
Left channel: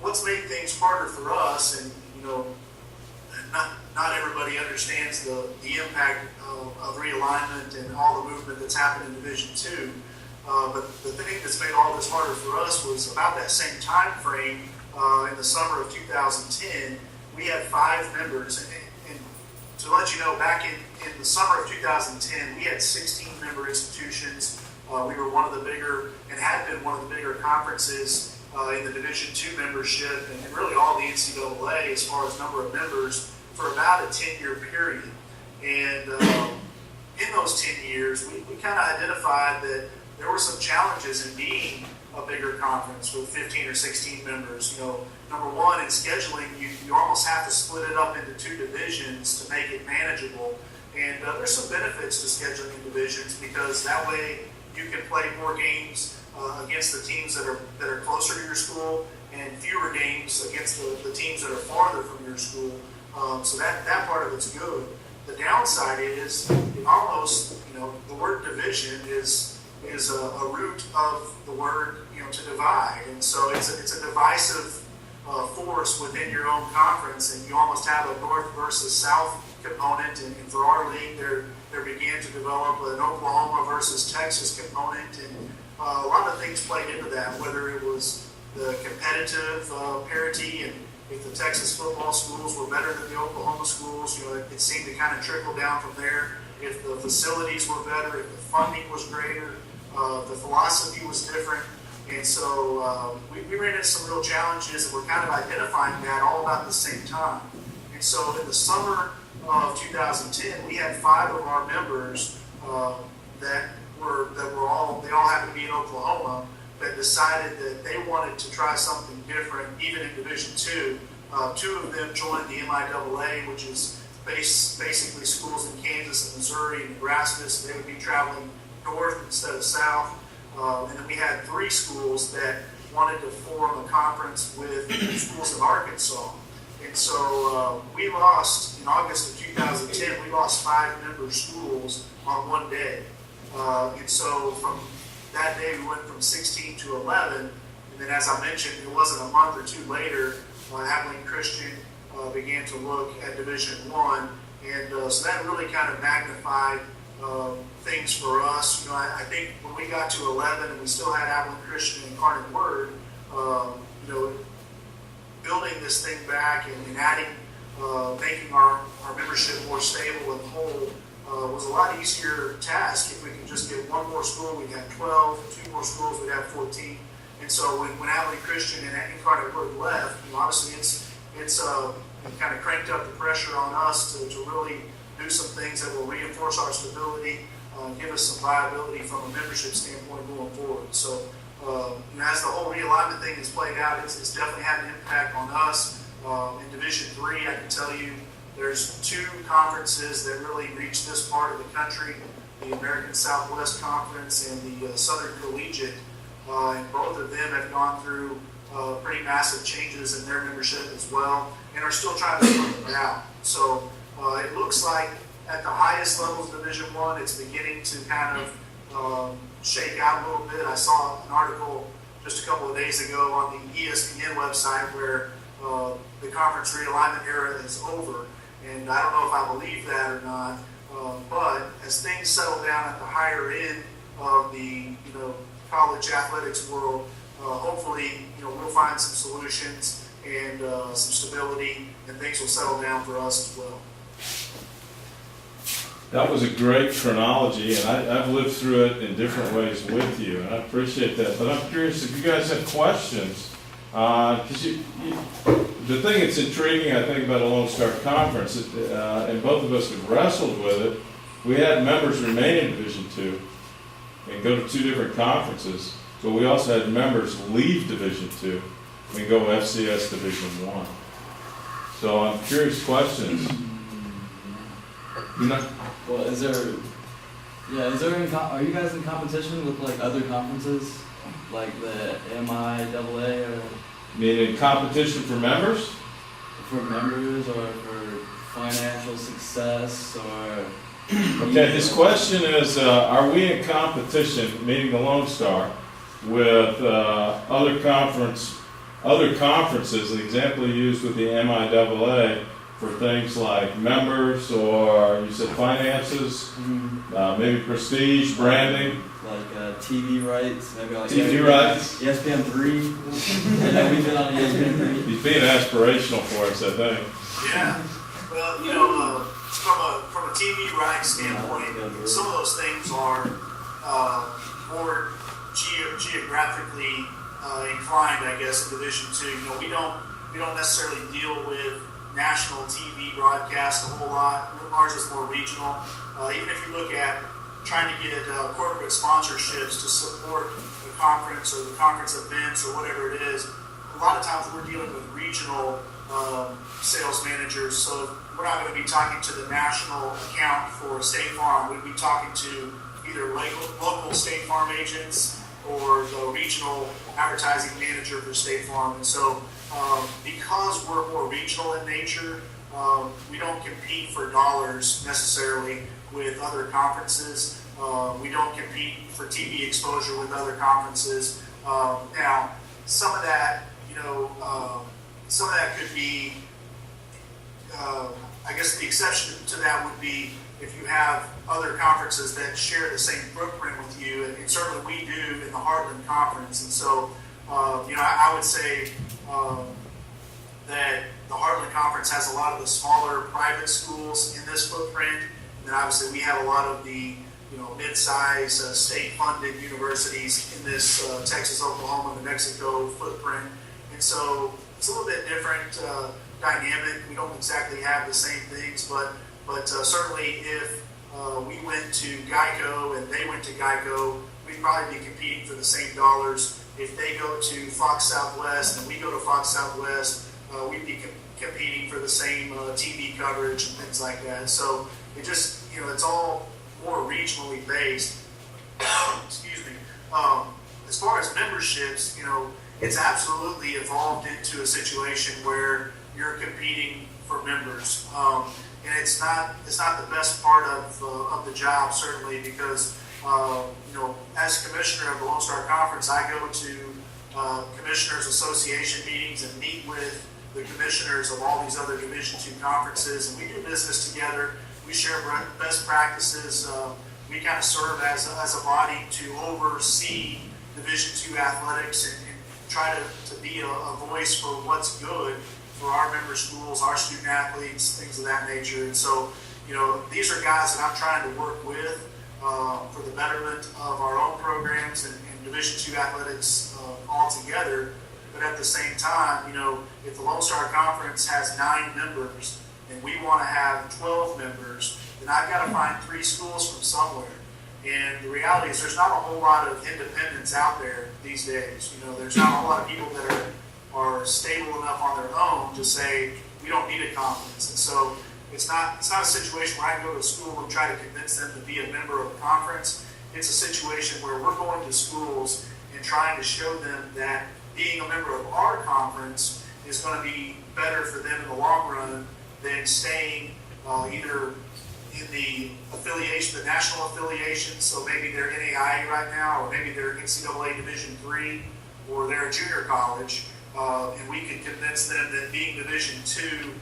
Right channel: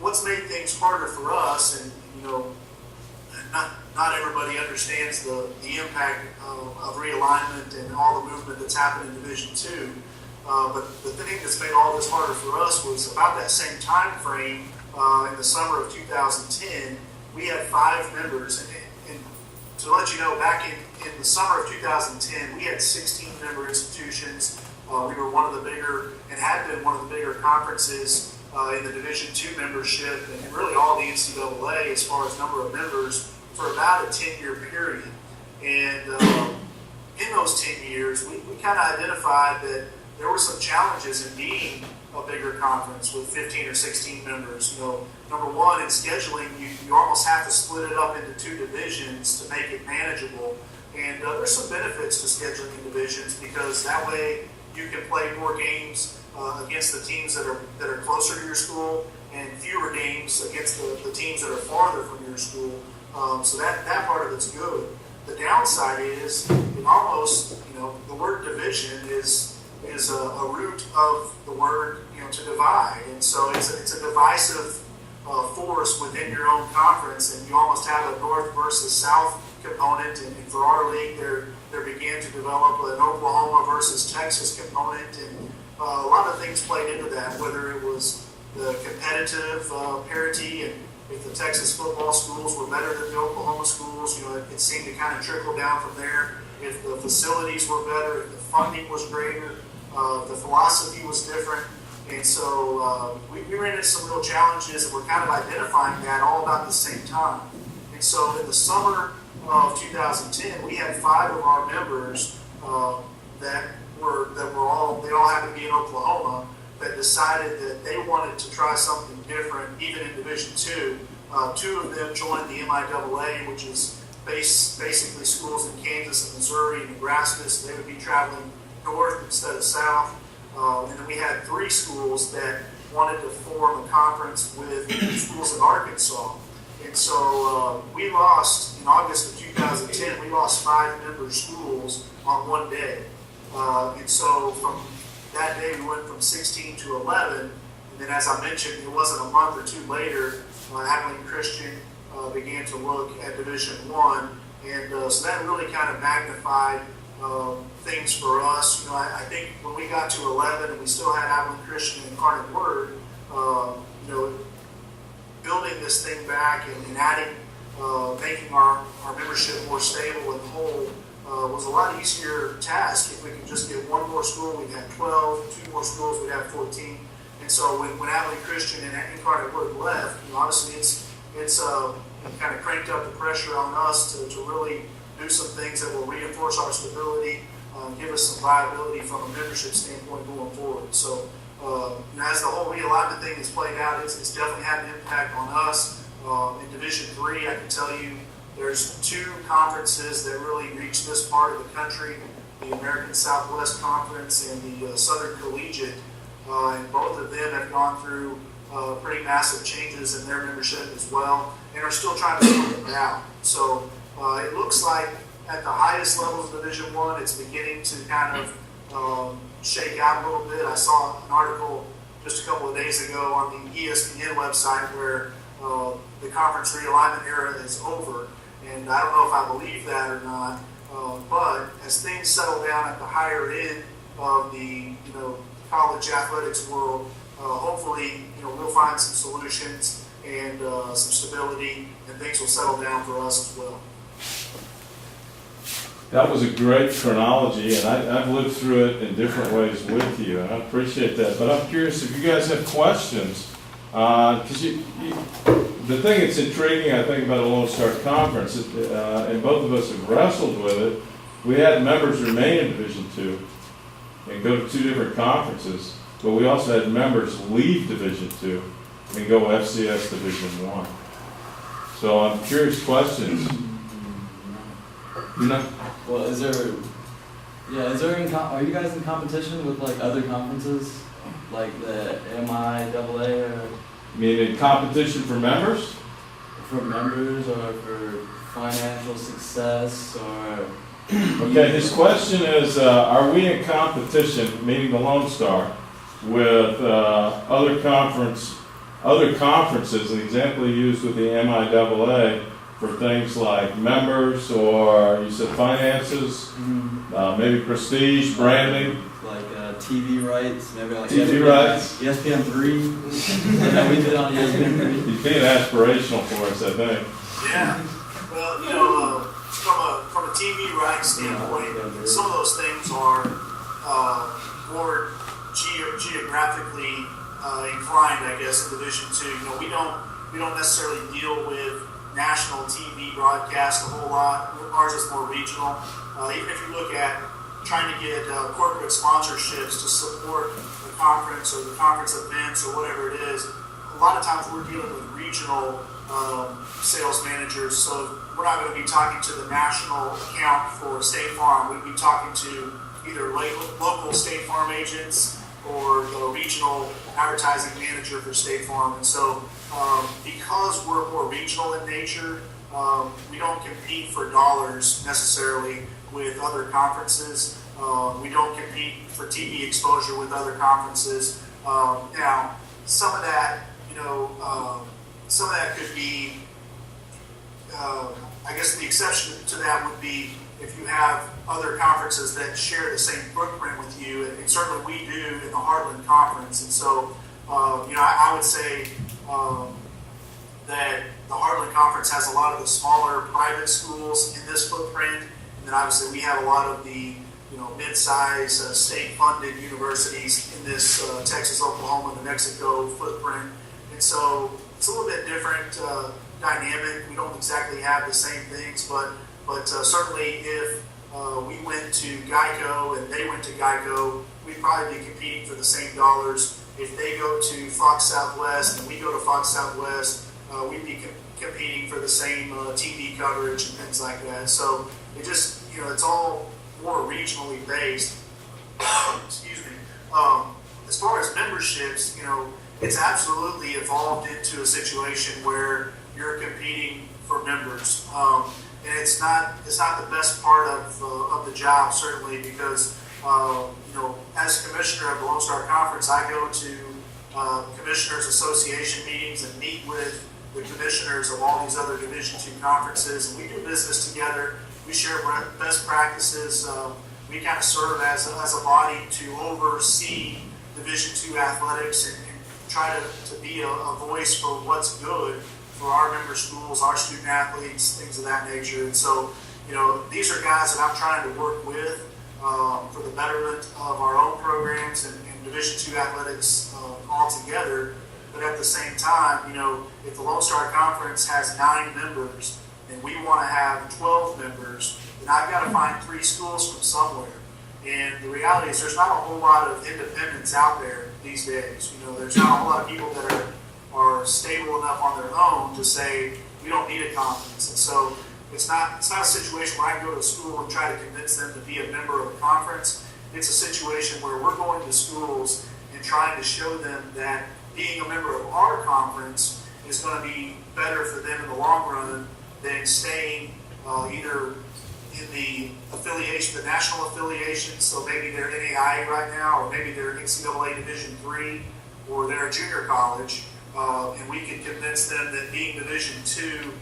What's made things harder for us, and not everybody understands the impact of realignment and all the movement that's happened in Division II. But the thing that's made all this harder for us was about that same time frame in the summer of 2010, we had 5 members. And to let you know, back in the summer of 2010, we had 16 member institutions. We were one of the bigger, and had been one of the bigger conferences in the Division II membership, and really all the NCAA as far as number of members for about a 10-year period. And in those 10 years, we kind of identified that there were some challenges in being a bigger conference with 15 or 16 members. Number one, in scheduling, you almost have to split it up into 2 divisions to make it manageable. And there's some benefits to scheduling in divisions, because that way you can play more games against the teams that are closer to your school, and fewer games against the teams that are farther from your school. So that part of it's good. The downside is it almost, the word division is a root of the word, to divide. And so it's a divisive force within your own conference, and you almost have a north versus south component. And for our league, there began to develop an Oklahoma versus Texas component, and a lot of things played into that, whether it was the competitive parity, and if the Texas football schools were better than the Oklahoma schools, it seemed to kind of trickle down from there. If the facilities were better, if the funding was greater, the philosophy was different. And so we ran into some real challenges, and we're kind of identifying that all about the same time. And so in the summer of 2010, we had 5 of our members that all happened to be in Oklahoma, that decided that they wanted to try something different, even in Division II. 2 of them joined the MIAA, which is basically schools in Kansas and Missouri and Nebraska, so they would be traveling north instead of south. And then we had 3 schools that wanted to form a conference with schools in Arkansas. And so we lost, in August of 2010, we lost 5 member schools on one day. And so from that day, we went from 16 to 11. And then, as I mentioned, it wasn't a month or 2 later, Abilene Christian began to look at Division I. And so that really kind of magnified things for us. I think when we got to 11 and we still had Abilene Christian and Incarnate Word, building this thing back and adding, making our membership more stable and whole was a lot easier task. If we could just get 1 more school, we'd have 12, 2 more schools, we'd have 14. And so when Abilene Christian and Incarnate Word left, obviously it's kind of cranked up the pressure on us to really do some things that will reinforce our stability, give us some viability from a membership standpoint going forward. So as the whole realignment thing has played out, it's definitely had an impact on us. In Division III, I can tell you there's 2 conferences that really reach this part of the country, the American Southwest Conference and the Southern Collegiate, and both of them have gone through pretty massive changes in their membership as well, and are still trying to sort it out. So it looks like at the highest levels of Division I, it's beginning to kind of shake out a little bit. I saw an article just a couple of days ago on the ESPN website where the conference realignment era is over. And I don't know if I believe that or not, but as things settle down at the higher end of the college athletics world, hopefully we'll find some solutions and some stability, and things will settle down for us as well. That was a great chronology, and I've lived through it in different ways with you, and I appreciate that. But I'm curious if you guys have questions, because the thing that's intriguing, I think, about a Lone Star Conference, and both of us have wrestled with it, we had members remain in Division II and go to 2 different conferences, but we also had members leave Division II and go FCS Division I. So I'm curious questions. Well, are you guys in competition with like other conferences, like the MIAA or? Meaning competition for members? For members or for financial success or? Okay, his question is, are we in competition, meaning the Lone Star, with other conferences? The example you used with the MIAA for things like members, or you said finances, maybe prestige, branding. Like TV rights, maybe like TV rights. ESPN 3. That we did on ESPN 3. He's being aspirational for us, I think. Yeah. Well, from a TV rights standpoint, some of those things are more geographically inclined, I guess, in Division II. We don't necessarily deal with national TV broadcast a whole lot. Ours is more regional. Even if you look at trying to get corporate sponsorships to support the conference or the conference events or whatever it is, a lot of times we're dealing with regional sales managers. So we're not going to be talking to the national account for State Farm. We'd be talking to either local State Farm agents or the regional advertising manager for State Farm. And so because we're more regional in nature, we don't compete for dollars necessarily with other conferences. We don't compete for TV exposure with other conferences. Now, some of that could be, I guess the exception to that would be if you have other conferences that share the same footprint with you, and certainly we do in the Heartland Conference. And so, I would say that the Heartland Conference has a lot of the smaller private schools in this footprint, and then obviously we have a lot of the mid-size state-funded universities in this Texas, Oklahoma, New Mexico footprint. And so it's a little bit different dynamic. We don't exactly have the same things, but certainly if we went to Geico and they went to Geico, we'd probably be competing for the same dollars. If they go to Fox Southwest and we go to Fox Southwest, we'd be competing for the same TV coverage and things like that. So it just, it's all more regionally based. Excuse me. As far as memberships, it's absolutely evolved into a situation where you're competing for members. And it's not the best part of the job, certainly, because as commissioner of the Lone Star Conference, I go to commissioners association meetings and meet with the commissioners of all these other Division II conferences, and we do business together. We share best practices. We kind of serve as a body to oversee Division II athletics and try to be a voice for what's good for our member schools, our student athletes, things of that nature. And so, these are guys that I'm trying to work with for the betterment of our own programs and Division II athletics altogether. But at the same time, if the Lone Star Conference has 9 members and we want to have 12 members, then I've got to find 3 schools from somewhere. And the reality is there's not a whole lot of independents out there these days. There's not a whole lot of people that are stable enough on their own to say, we don't need a conference. And so it's not a situation where I can go to school and try to convince them to be a member of a conference. It's a situation where we're going to schools and trying to show them that being a member of our conference is going to be better for them in the long run than staying either in the affiliation, the national affiliation, so maybe they're NAIA right now, or maybe they're NCAA Division III, or they're a junior college, and we can convince them that being Division II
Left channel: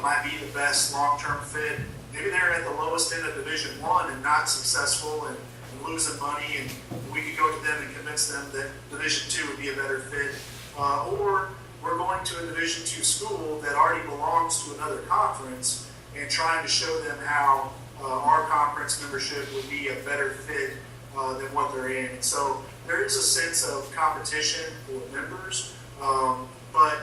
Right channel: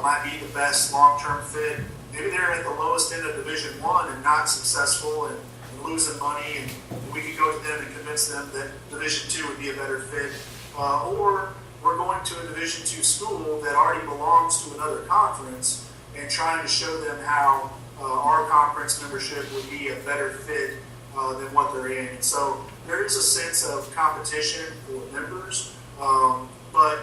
might be the best long-term fit. Maybe they're at the lowest end of Division I and not successful and losing money, and we could go to them and convince them that Division II would be a better fit. Or we're going to a Division II school that already belongs to another conference and trying to show them how our conference membership would be a better fit than what they're in. And so there is a sense of competition for members, but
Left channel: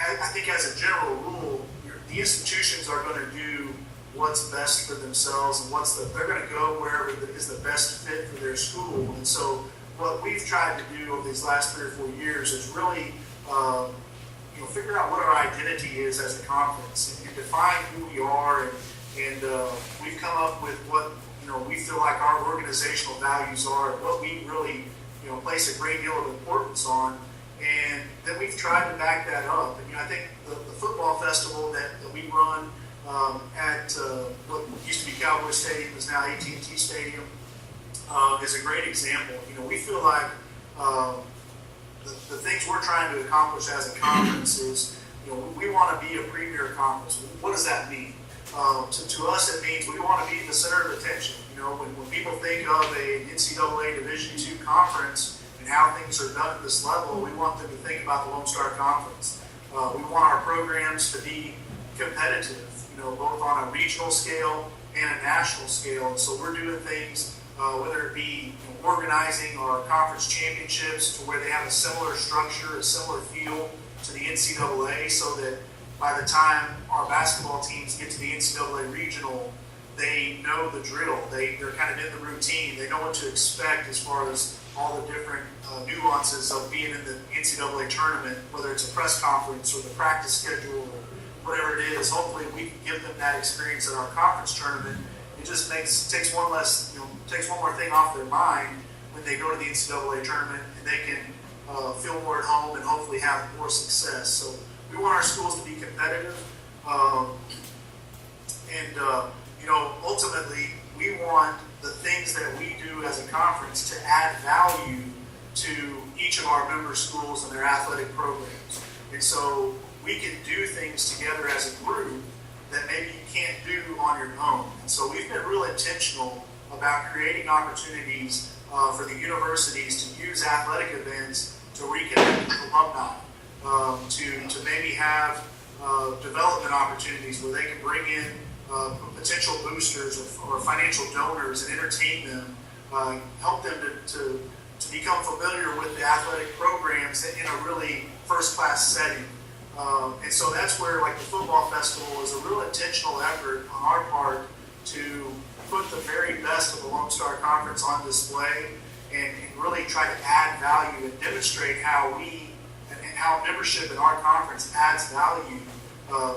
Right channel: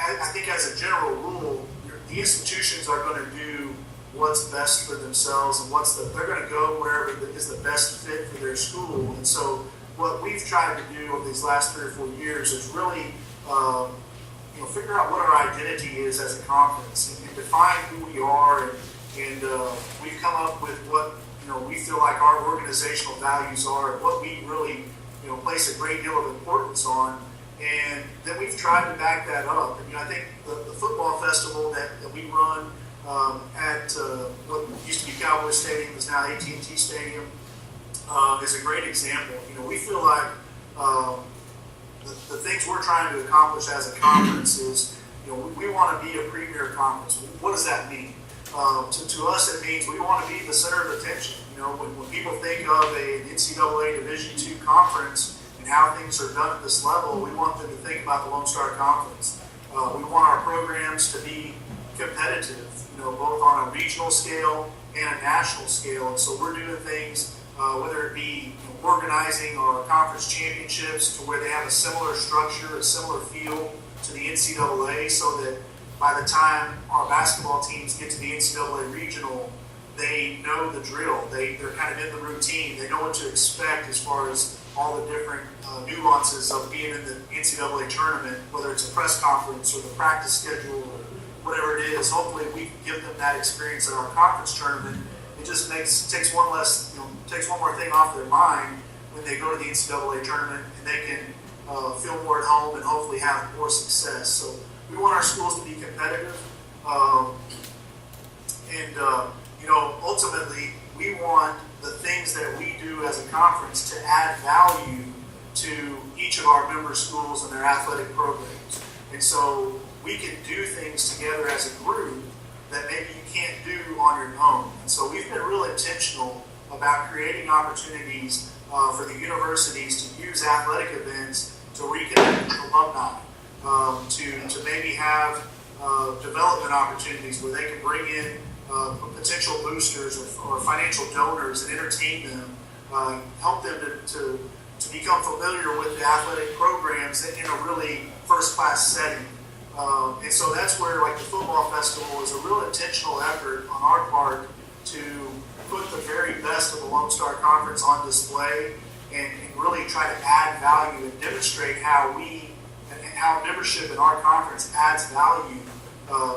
I think as a general rule, the institutions are going to do what's best for themselves, and they're going to go wherever is the best fit for their school. And so what we've tried to do over these last 3 or 4 years is really figure out what our identity is as a conference and define who we are. And we've come up with what we feel like our organizational values are, and what we really place a great deal of importance on. And then we've tried to back that up. And I think the football festival that we run at what used to be Cowboy Stadium is now AT&T Stadium is a great example. We feel like the things we're trying to accomplish as a conference is, we want to be a premier conference. What does that mean? To us, it means we want to be the center of attention. When people think of an NCAA Division II conference and how things are done at this level, we want them to think about the Lone Star Conference. We want our programs to be competitive, both on a regional scale and a national scale. And so we're doing things, whether it be organizing our conference championships to where they have a similar structure, a similar feel to the NCAA, so that by the time our basketball teams get to the NCAA regional, they know the drill. They're kind of in the routine. They know what to expect as far as all the different nuances of being in the NCAA tournament, whether it's a press conference or the practice schedule or whatever it is. Hopefully we can give them that experience at our conference tournament. It just takes one more thing off their mind when they go to the NCAA tournament, and they can feel more at home and hopefully have more success. So we want our schools to be competitive, ultimately we want the things that we do as a conference to add value to each of our member schools and their athletic programs. And so we can do things together as a group that maybe you can't do on your own. And so we've been real intentional about creating opportunities for the universities to use athletic events to reconnect with alumni, to maybe have development opportunities where they can bring in potential boosters or financial donors and entertain them, help them to become familiar with the athletic programs in a really first-class setting. And so that's where, like, the football festival is a real intentional effort on our part to put the very best of the Lone Star Conference on display and really try to add value and demonstrate how membership in our conference adds value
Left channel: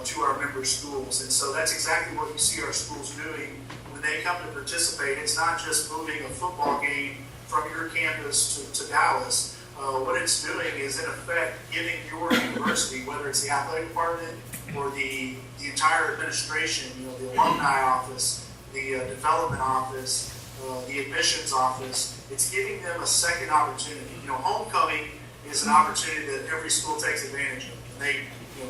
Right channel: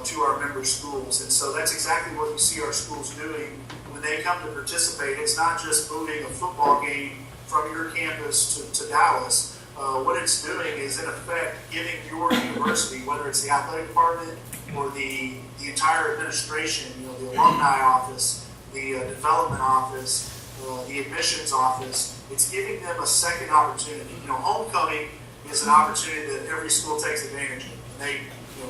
to our member schools. And so that's exactly what you see our schools doing when they come to participate. It's not just moving a football game from your campus to Dallas. What it's doing is, in effect, giving your university, whether it's the athletic department or the entire administration, the alumni office, the development office, the admissions office, it's giving them a second opportunity. Homecoming is an opportunity that every school takes advantage of. And they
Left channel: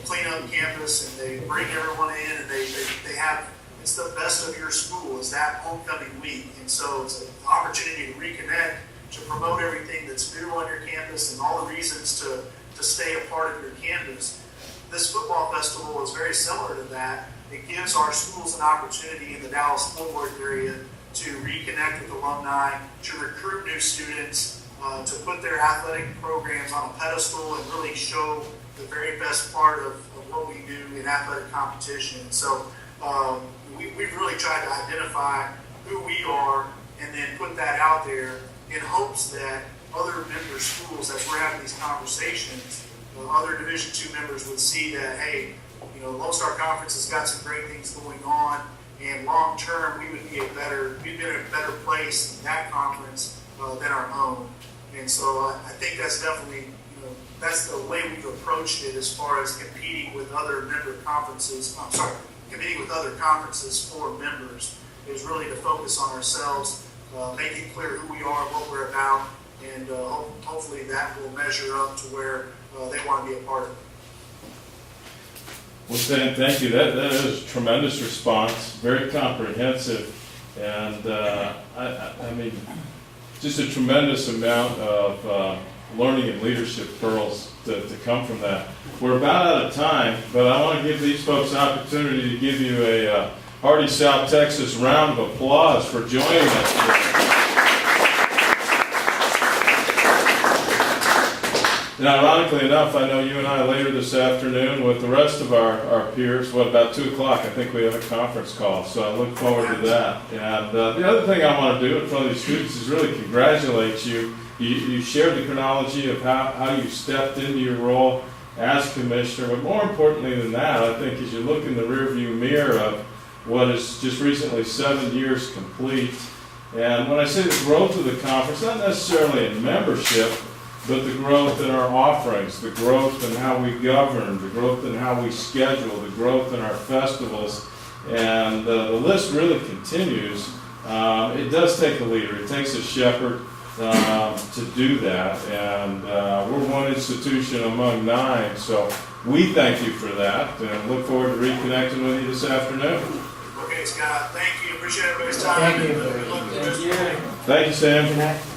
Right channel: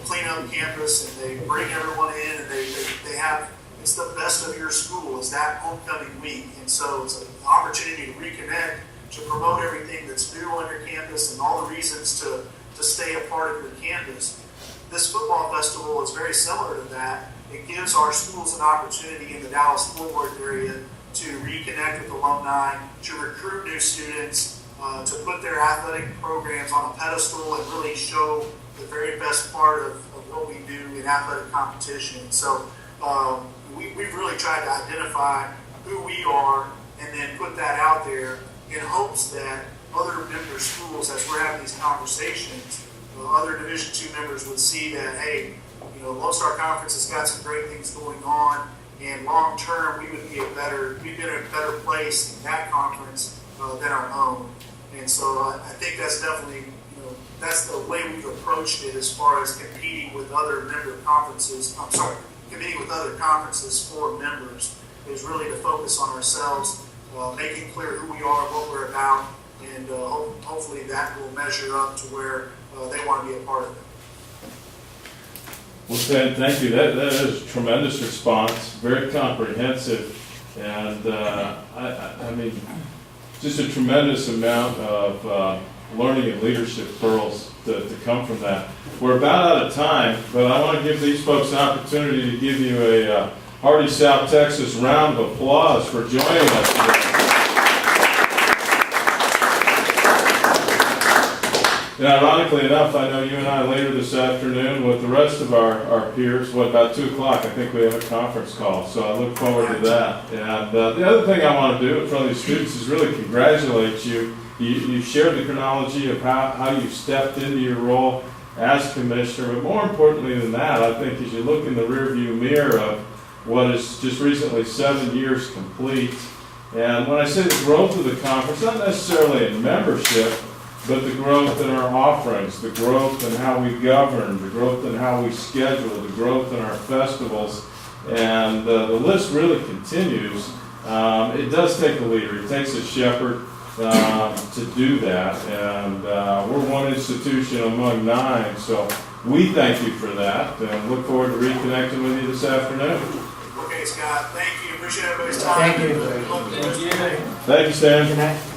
clean up campus and they bring everyone in, and they have, it's the best of your school is that homecoming week. And so it's an opportunity to reconnect, to promote everything that's new on your campus and all the reasons to stay a part of your campus. This football festival is very similar to that. It gives our schools an opportunity in the Dallas-Fort Worth area to reconnect with alumni, to recruit new students, to put their athletic programs on a pedestal and really show the very best part of what we do in athletic competition. So we've really tried to identify who we are and then put that out there in hopes that other member schools, as we're having these conversations, other Division II members would see that, hey, Lone Star Conference has got some great things going on, and long term we'd be in a better place in that conference than our own. And so I think that's definitely, that's the way we've approached it as far as competing with other conferences for members, is really to focus on ourselves, making clear who we are, what we're about, and hopefully that will measure up to where they want to be a part of it. Well, Stan, thank you. That is a tremendous response, very comprehensive, and I mean, just a tremendous amount of learning and leadership pearls to come from that. We're about out of time, but I want to give these folks an opportunity to give you a hearty South Texas round of applause for joining us today. And ironically enough, I know you and I later this afternoon with the rest of our peers, about 2 o'clock, I think we have a conference call. So I look forward to that. And the other thing I want to do in front of these students is really congratulate you. You shared the chronology of how you stepped into your role as commissioner. But more importantly than that, I think as you look in the rearview mirror of what is just recently 7 years complete. And when I say the growth of the conference, not necessarily in membership, but the growth in our offerings, the growth in how we govern, the growth in how we schedule, the growth in our festivals, and the list really continues. It does take a leader. It takes a shepherd to do that, and we're one institution among 9, so we thank you for that, and look forward to reconnecting with you this afternoon. Okay, Scott, thank you. Appreciate everybody's time. Thank you. Good luck with the rest of the day. Thank you, Sam. Good night.